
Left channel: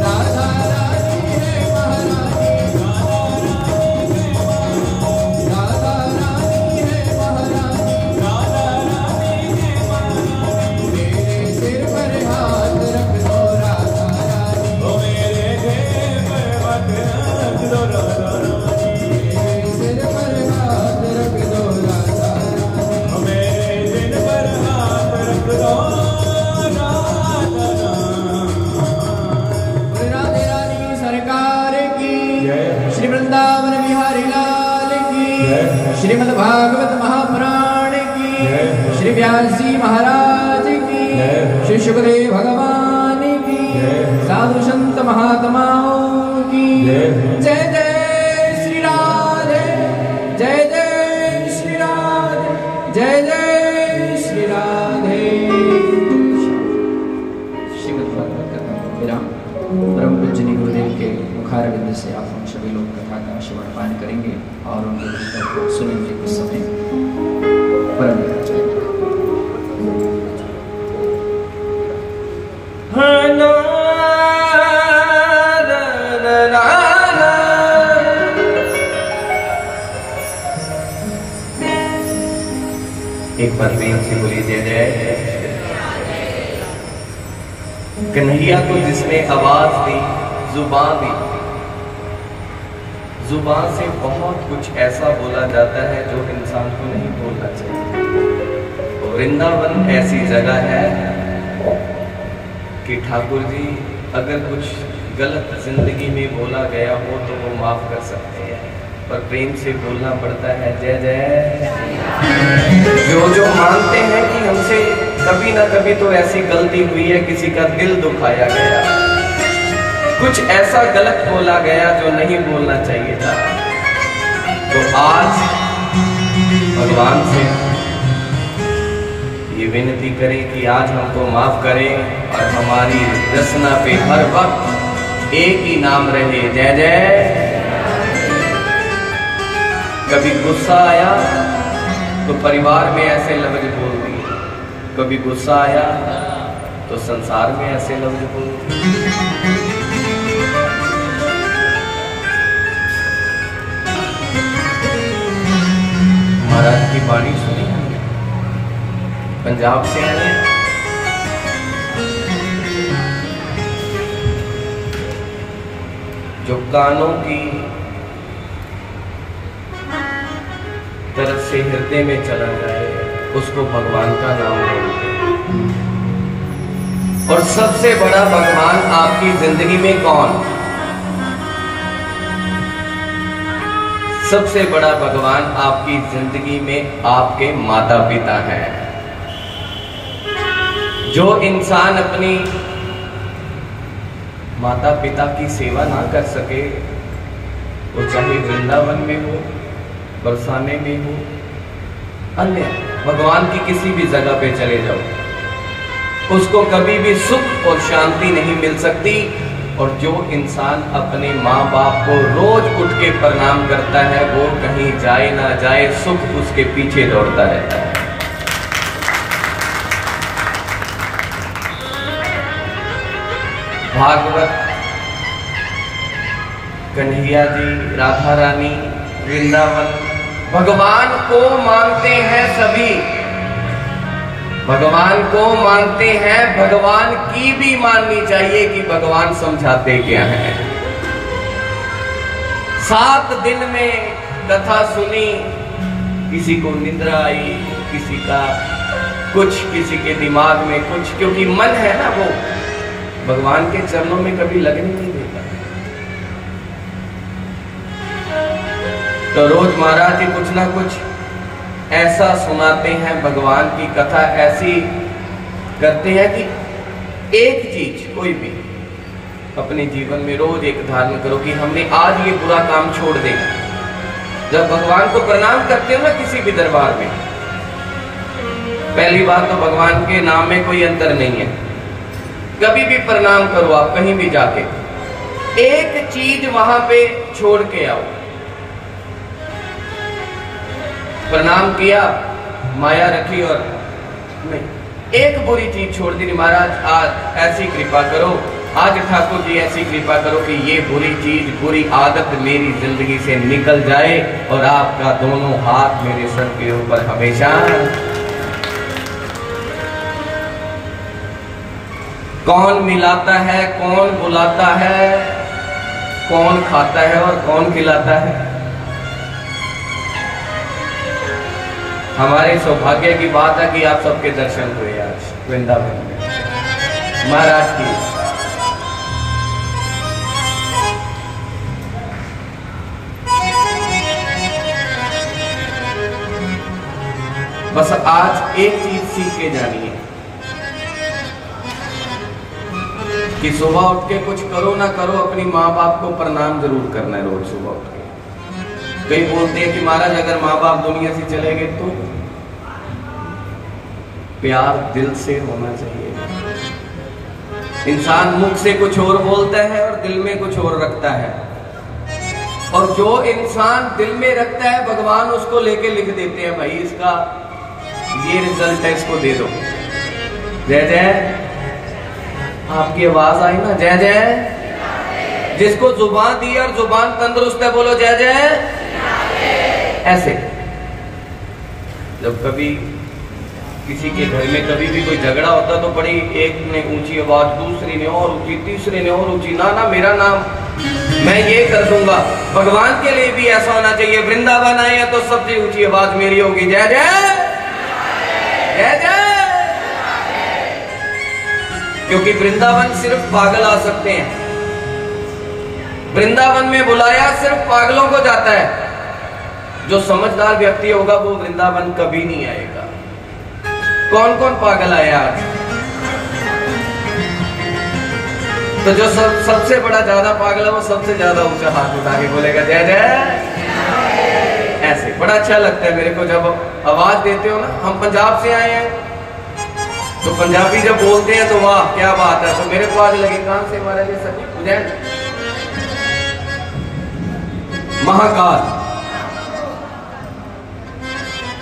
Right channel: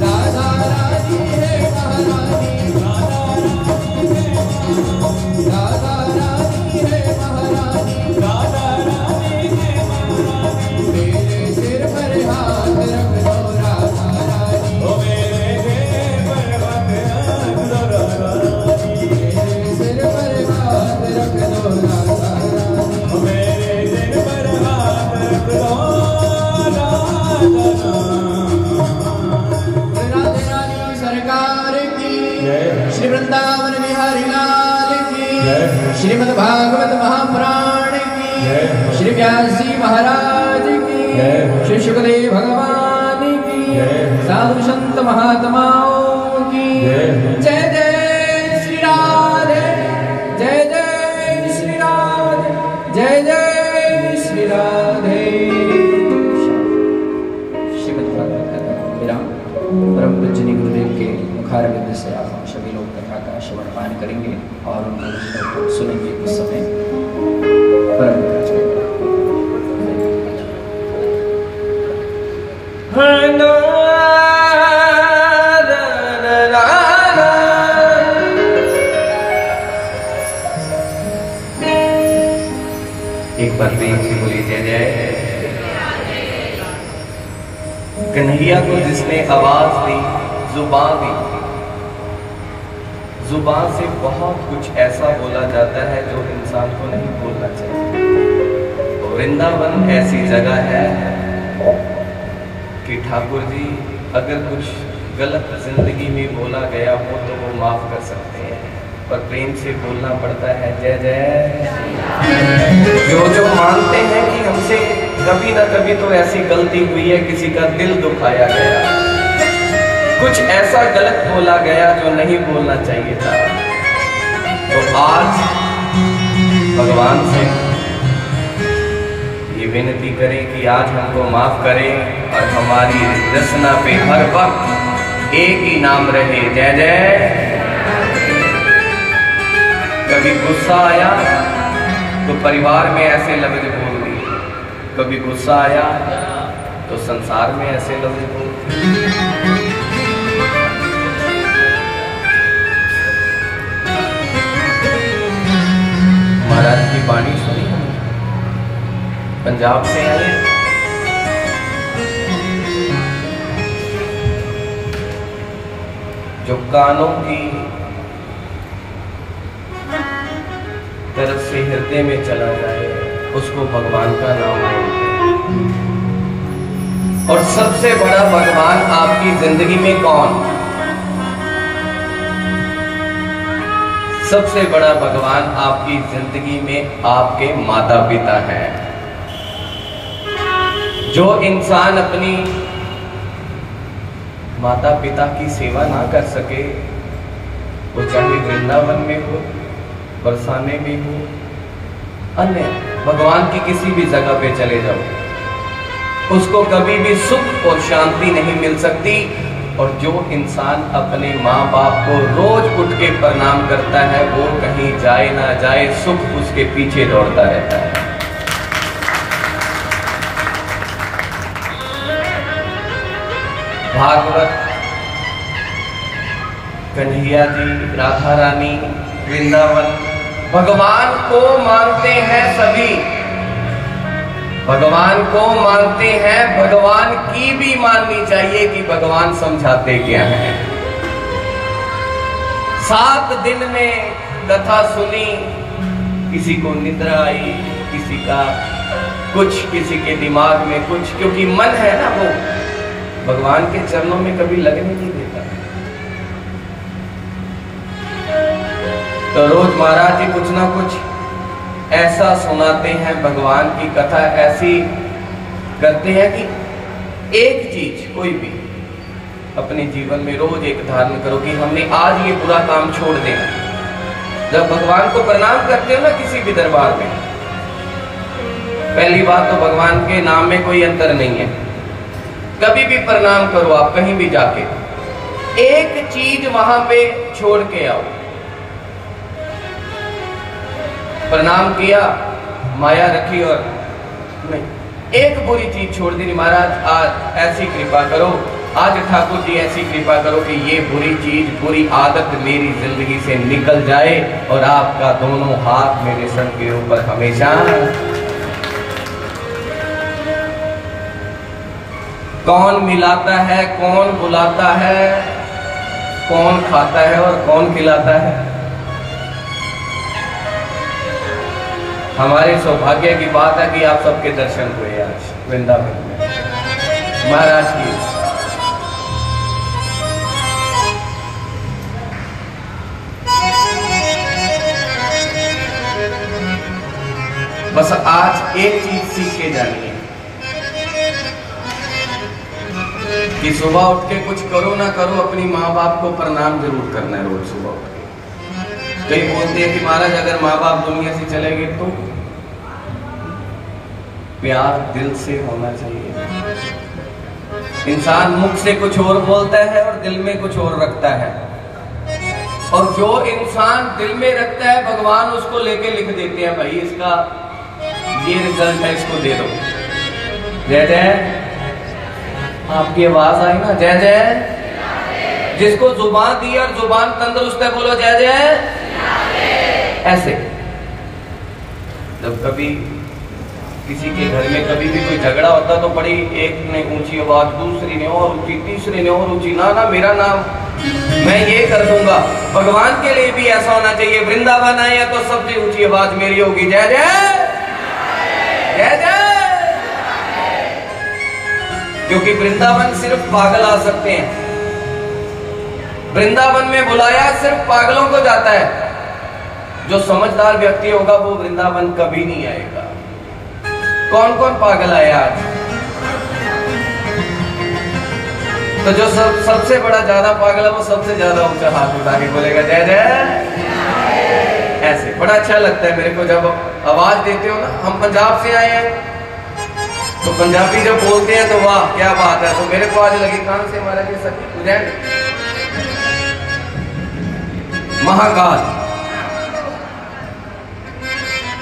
राधा रानी है महारानी, राधा रानी है महारानी, राधा रानी है महारानी, राधा रानी है महारानी। मेरे सिर पर हाथ रख दो राधा रानी, ओ मेरे सिर पर हाथ रख दो राधा रानी, मेरे सिर पर हाथ रख दो राधा रानी। ओ मेरे सिर पर हाथ रख दो राधा रानी। राधे रानी सरकार की, जय। श्री वृंदावन बिहारी लाल की, जय। श्रीमद् भागवत महापुराण की, जय। श्री व्यास जी महाराज की, जय। श्री सुखदेव भगवान की, जय। साधु संत महात्माओं की, जय। जय जय श्री राधे, जय जय श्री राधे, जय जय श्री राधे। श्रीमद् भागवत कथा विराम। परम पूज्य गुरुदेव के मुखारविंद से आप हम सभी लोग कथा का श्रवण पान करेंगे और उनको सुनेंगे कुछ समय। परम एक बार प्रेम से बोली जय जय। कन्हैया को जिसने आवाज दी, जुबान दी, जुबान से बहुत कुछ ऐसा बोला जाता है जो इंसान को नहीं बोलना चाहिए। वृंदावन ऐसी जगह है कि ठाकुर जी अगर कुछ गलत जिंदगी में बोला गया हो तो वो माफ कर सकते हैं, पर प्रेम से बोलना पड़ता है जय जय। जो मानते हैं कि हमसे कभी ना कभी तो ऐसी गलती हुई है, किसी का दिल दुखाया गया, कुछ ऐसा गलत बोला गया जो नहीं बोलना चाहिए था, तो आज भगवान से ये विनती करें कि आज हमको माफ करें और हमारी रचना पे हर वक्त एक ही नाम रहे जय जय। कभी गुस्सा आया तो परिवार में ऐसे लफ्ज बोल दिए, कभी गुस्सा आया तो संसार में ऐसे लफ्ज बोल दिए। महाराज की वाणी सुनी, पंजाब से आए, जो कानों की तरफ से हृदय में चला रहे उसको भगवान का नाम बोलते हैं। और सबसे बड़ा भगवान आपकी जिंदगी में कौन? सबसे बड़ा भगवान आपकी जिंदगी में आपके माता पिता हैं। जो इंसान अपनी माता पिता की सेवा ना कर सके, वो चाहे वृंदावन में हो, बरसाने में हो, अन्य भगवान की किसी भी जगह पे चले जाओ, उसको कभी भी सुख और शांति नहीं मिल सकती। और जो इंसान अपने माँ बाप को रोज उठ के प्रणाम करता है, वो कहीं जाए ना जाए सुख उसके पीछे दौड़ता रहता है। भागवत, कन्हैया जी, राधा रानी, वृंदावन, भगवान को मानते हैं सभी, भगवान को मानते हैं। भगवान की भी माननी चाहिए कि भगवान समझाते क्या है। 7 दिन में कथा सुनी, किसी को निद्रा आई, किसी का कुछ, किसी के दिमाग में कुछ, क्योंकि मन है ना वो भगवान के चरणों में कभी लगने नहीं देता। तो रोज महाराज जी कुछ ना कुछ ऐसा सुनाते हैं, भगवान की कथा ऐसी करते हैं कि एक चीज कोई भी अपने जीवन में रोज एक धारण करो कि हमने आज ये बुरा काम छोड़ देना। जब भगवान को प्रणाम करते हो ना किसी भी दरबार में, पहली बात तो भगवान के नाम में कोई अंतर नहीं है। कभी भी प्रणाम करो आप कहीं भी जाके, एक चीज वहां पे छोड़ के आओ। प्रणाम किया, माया रखी और नहीं, एक बुरी चीज छोड़ दी। महाराज आज ऐसी कृपा करो, आज ठाकुर जी ऐसी कृपा करो कि ये बुरी चीज, बुरी आदत मेरी जिंदगी से निकल जाए और आपका दोनों हाथ मेरे सर के ऊपर हमेशा। कौन मिलाता है, कौन बुलाता है, कौन खाता है और कौन खिलाता है। हमारे सौभाग्य की बात है कि आप सबके दर्शन हुए आज वृंदावन में महाराज की। बस आज एक चीज सीख के जानिए कि सुबह उठ के कुछ करो ना करो, अपनी माँ बाप को प्रणाम जरूर करना है रोज सुबह उठ के। कई बोलते हैं कि महाराज अगर माँ बाप दुनिया से चले गए तो प्यार दिल से होना चाहिए। इंसान मुख से कुछ और बोलता है और दिल में कुछ और रखता है, और जो इंसान दिल में रखता है भगवान उसको लेके लिख देते हैं, भाई इसका ये रिजल्ट है, इसको दे दो। जय जय, आपकी आवाज आई ना, जय जय। जिसको जुबान दी और जुबान तंदुरुस्त है बोलो जय जय। ऐसे जब कभी किसी के घर में कभी भी कोई झगड़ा होता तो बड़ी एक ने ऊंची आवाज, दूसरी ने और ऊंची, तीसरी ने और ऊंची, ना ना मेरा नाम मैं ये कर दूंगा। भगवान के लिए भी ऐसा होना चाहिए, वृंदावन आए तो सबसे ऊंची आवाज मेरी होगी, जय जय जय जय। क्योंकि वृंदावन सिर्फ पागल आ सकते हैं। वृंदावन में बुलाया सिर्फ पागलों को जाता है। जो समझदार व्यक्ति होगा वो वृंदावन कभी नहीं आएगा। कौन कौन पागल आए आज? तो जो सबसे बड़ा ज्यादा पागल है वो सबसे ज्यादा ऊंचा हाथ उठा के बोलेगा जय जय। ऐसे बड़ा अच्छा लगता है मेरे को जब आवाज देते हो ना। हम पंजाब से आए हैं तो पंजाबी जब बोलते हैं तो वाह क्या बात है। तो मेरे को आज लगे कहां से हमारा ये सब महाकाल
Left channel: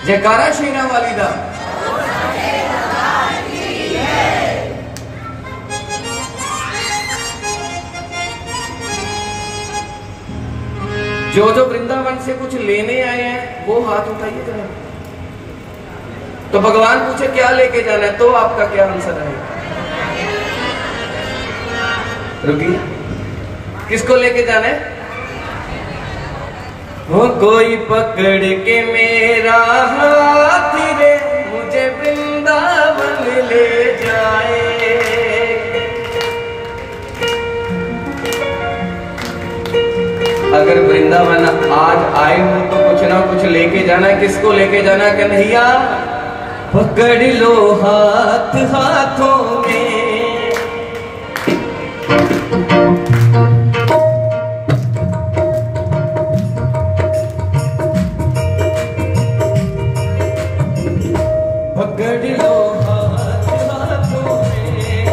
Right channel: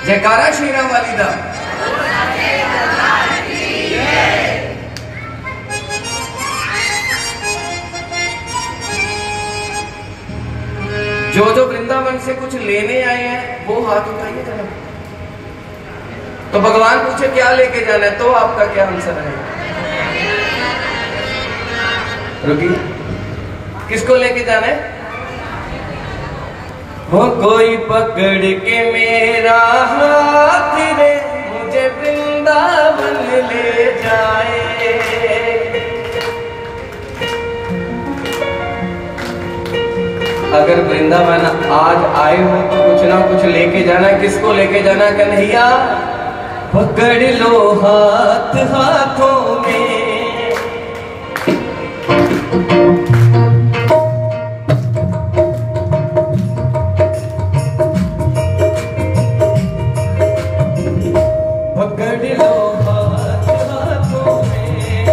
जयकारा शेरा वाली दा। जो जो वृंदावन से कुछ लेने आए हैं वो हाथ उठाइए जरा। तो भगवान पूछे क्या लेके जाना है तो आपका क्या आंसर है? रुकिए, किसको लेके जाना है? वो कोई पकड़ के मेरा हाथ रे मुझे वृंदावन ले जाए। अगर वृंदावन आज आए हो तो कुछ ना कुछ लेके जाना है। किसको लेके जाना है? कन्हैया पकड़ लो हाथ हाथों में। पकड़ लो हाथ हाथों में,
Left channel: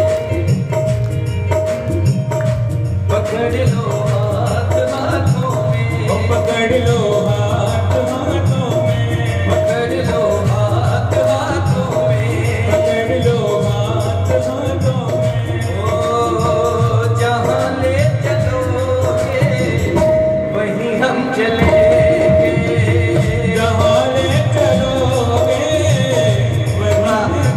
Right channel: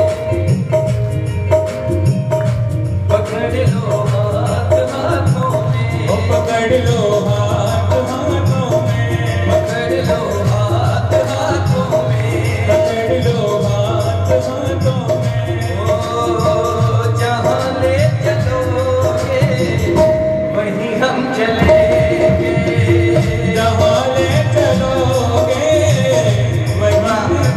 पकड़ लो हाथ हाथों में, पकड़ लो हाथ हाथों में, पकड़ लो हाथ हाथों में, पकड़ लो हाथ हाथों में। ओ जहाँ ले चलोगे वहीं हम चलेंगे, जहाँ ले चलोगे वहीं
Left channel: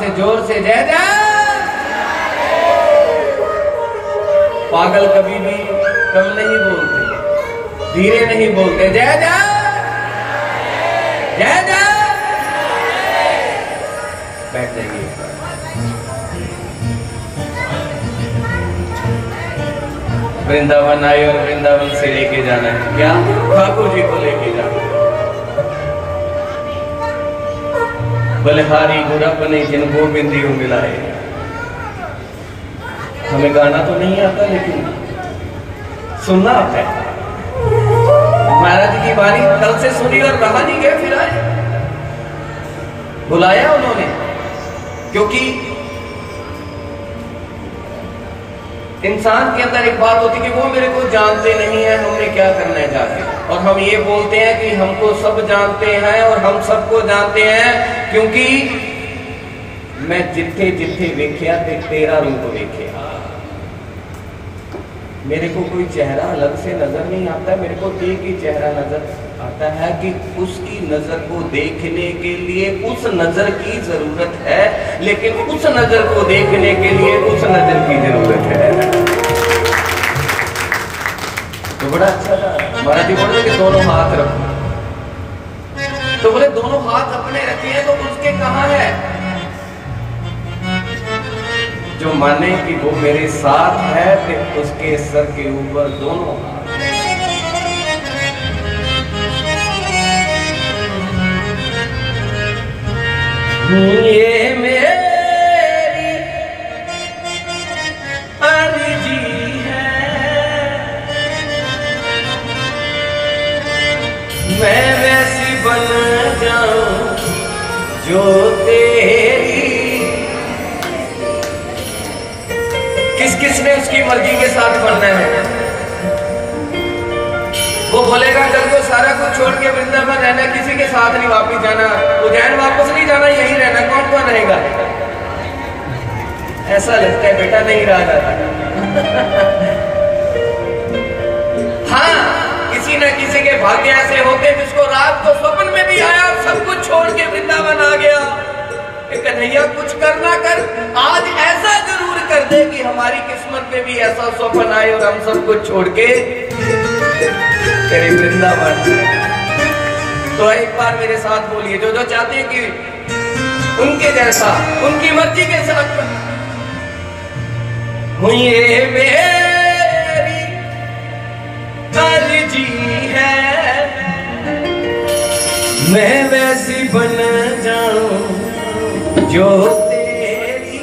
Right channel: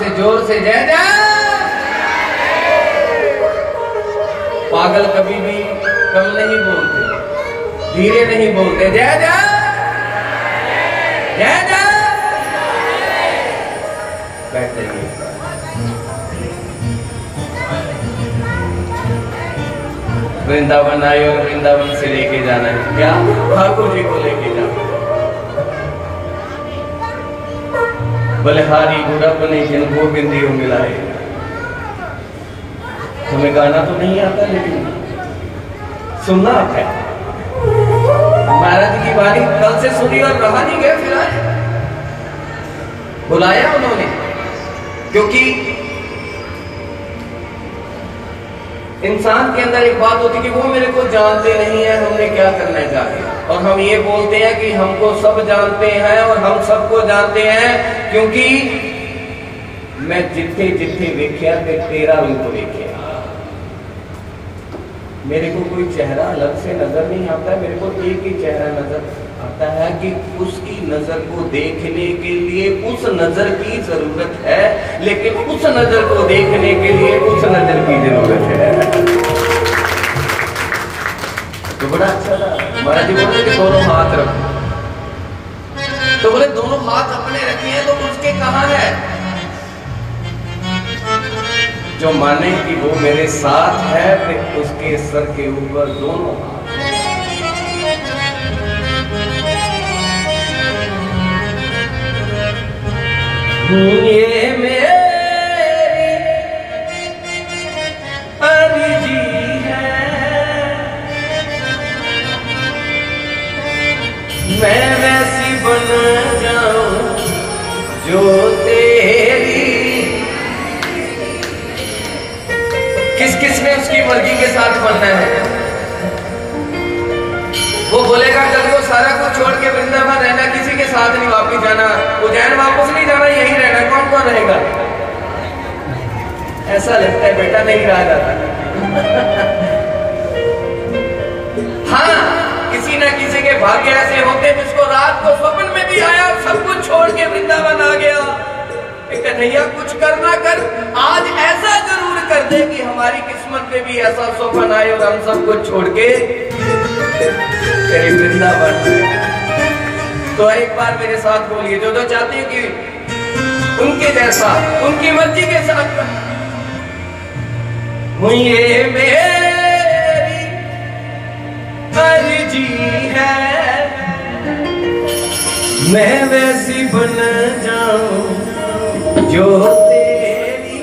से जोर से जय जय। पागल कभी भी कम नहीं बोलते, धीरे नहीं बोलते, जय जय जय जय। बैठ जाइए। वृंदावन आए और वृंदावन से लेके जाना है क्या? ठाकुर जी को लेके जाना। बलिहारी गुरब ने जिन गोविंदियों मिलाए। हमें गाना तो नहीं आता लेकिन सुनना आता है। महाराज जी की वाणी कल से सुनी और रहा नहीं गए, फिर आए, बुलाया उन्होंने, क्योंकि इंसान के अंदर एक बात होती है कि वो मेरे को जानते नहीं है, हमने क्या करना है जाके। और हम ये बोलते हैं कि हमको सब जानते हैं और हम सबको जानते हैं, क्योंकि मैं जिथे जिथे वेख्या तेरा रूप वेख्या। मेरे को कोई चेहरा अलग से नजर नहीं आता, मेरे को एक ही चेहरा नजर आता है कि उसकी नजर को देखने के लिए उस नजर की जरूरत है, लेकिन उस नजर को देखने के लिए उस नजर की जरूरत है। तो बड़ा अच्छा था। महाराज जी बोलते कि दोनों हाथ रखो, तो बोले दोनों हाथ अपने रखे हैं, तो उसके कहाँ है? जो माने कि वो मेरे साथ है, फिर उसके सर के ऊपर दोनों हाथ। ये मेरी अर्जी है, मैं वैसी बन जाऊं जो तेरी। किस किस ने उसकी मर्जी के साथ बनना है? वो बोलेगा कल को सारा कुछ छोड़ के वृंदावन रहना, किसी के साथ नहीं वापस जाना, उज्जैन वापस नहीं जाना, यहीं रहना, कौन कौन रहेगा? ऐसा लगता है बेटा नहीं रहा जाता। हाँ, किसी न किसी के भाग्य ऐसे होते जिसको रात को स्वप्न में भी आया और सब कुछ छोड़ के वृंदावन आ गया। कन्हैया कुछ करना कर, आज ऐसा जरूर कर दे कि हमारी किस्मत में भी ऐसा स्वप्न आए और हम सब कुछ छोड़ के तेरे वृंदावन। तो एक बार मेरे साथ बोलिए, जो जो चाहते हैं कि उनके जैसा उनकी मर्जी के साथ ये मेरी अर्जी है, मैं वैसी बन जाऊं जो तेरी।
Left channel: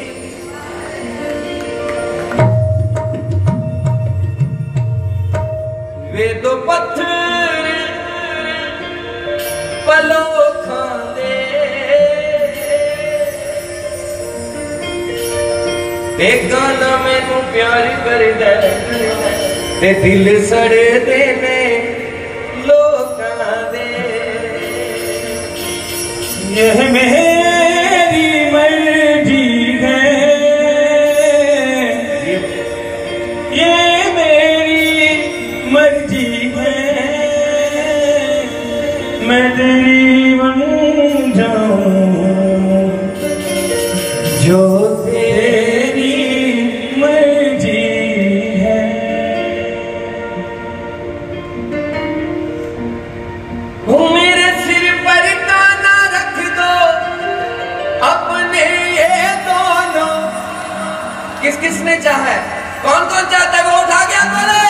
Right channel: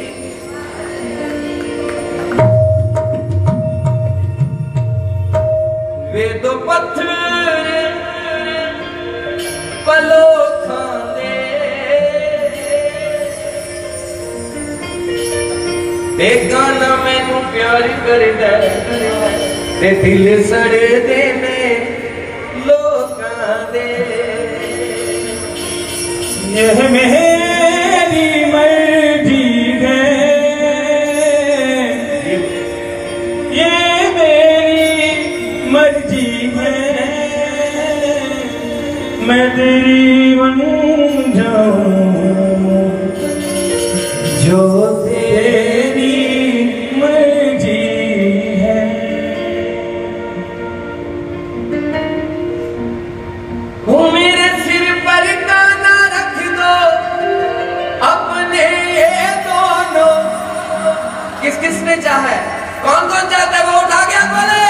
वे दो पत्थर पलो खांदे, एक गाना मैनू प्यार कर दे, दिल सड़ देने लोकां दे। यह मेरी मर्जी है, ये मेरी मर्जी है, मैं तेरी बन जाऊं जो तेरी मर्जी है। वो मेरे सिर पर ताना रख दो अपने दोनों। किस किस ने चाहा है? कौन कौन चाहता है? वो उठा के हाथ वाले।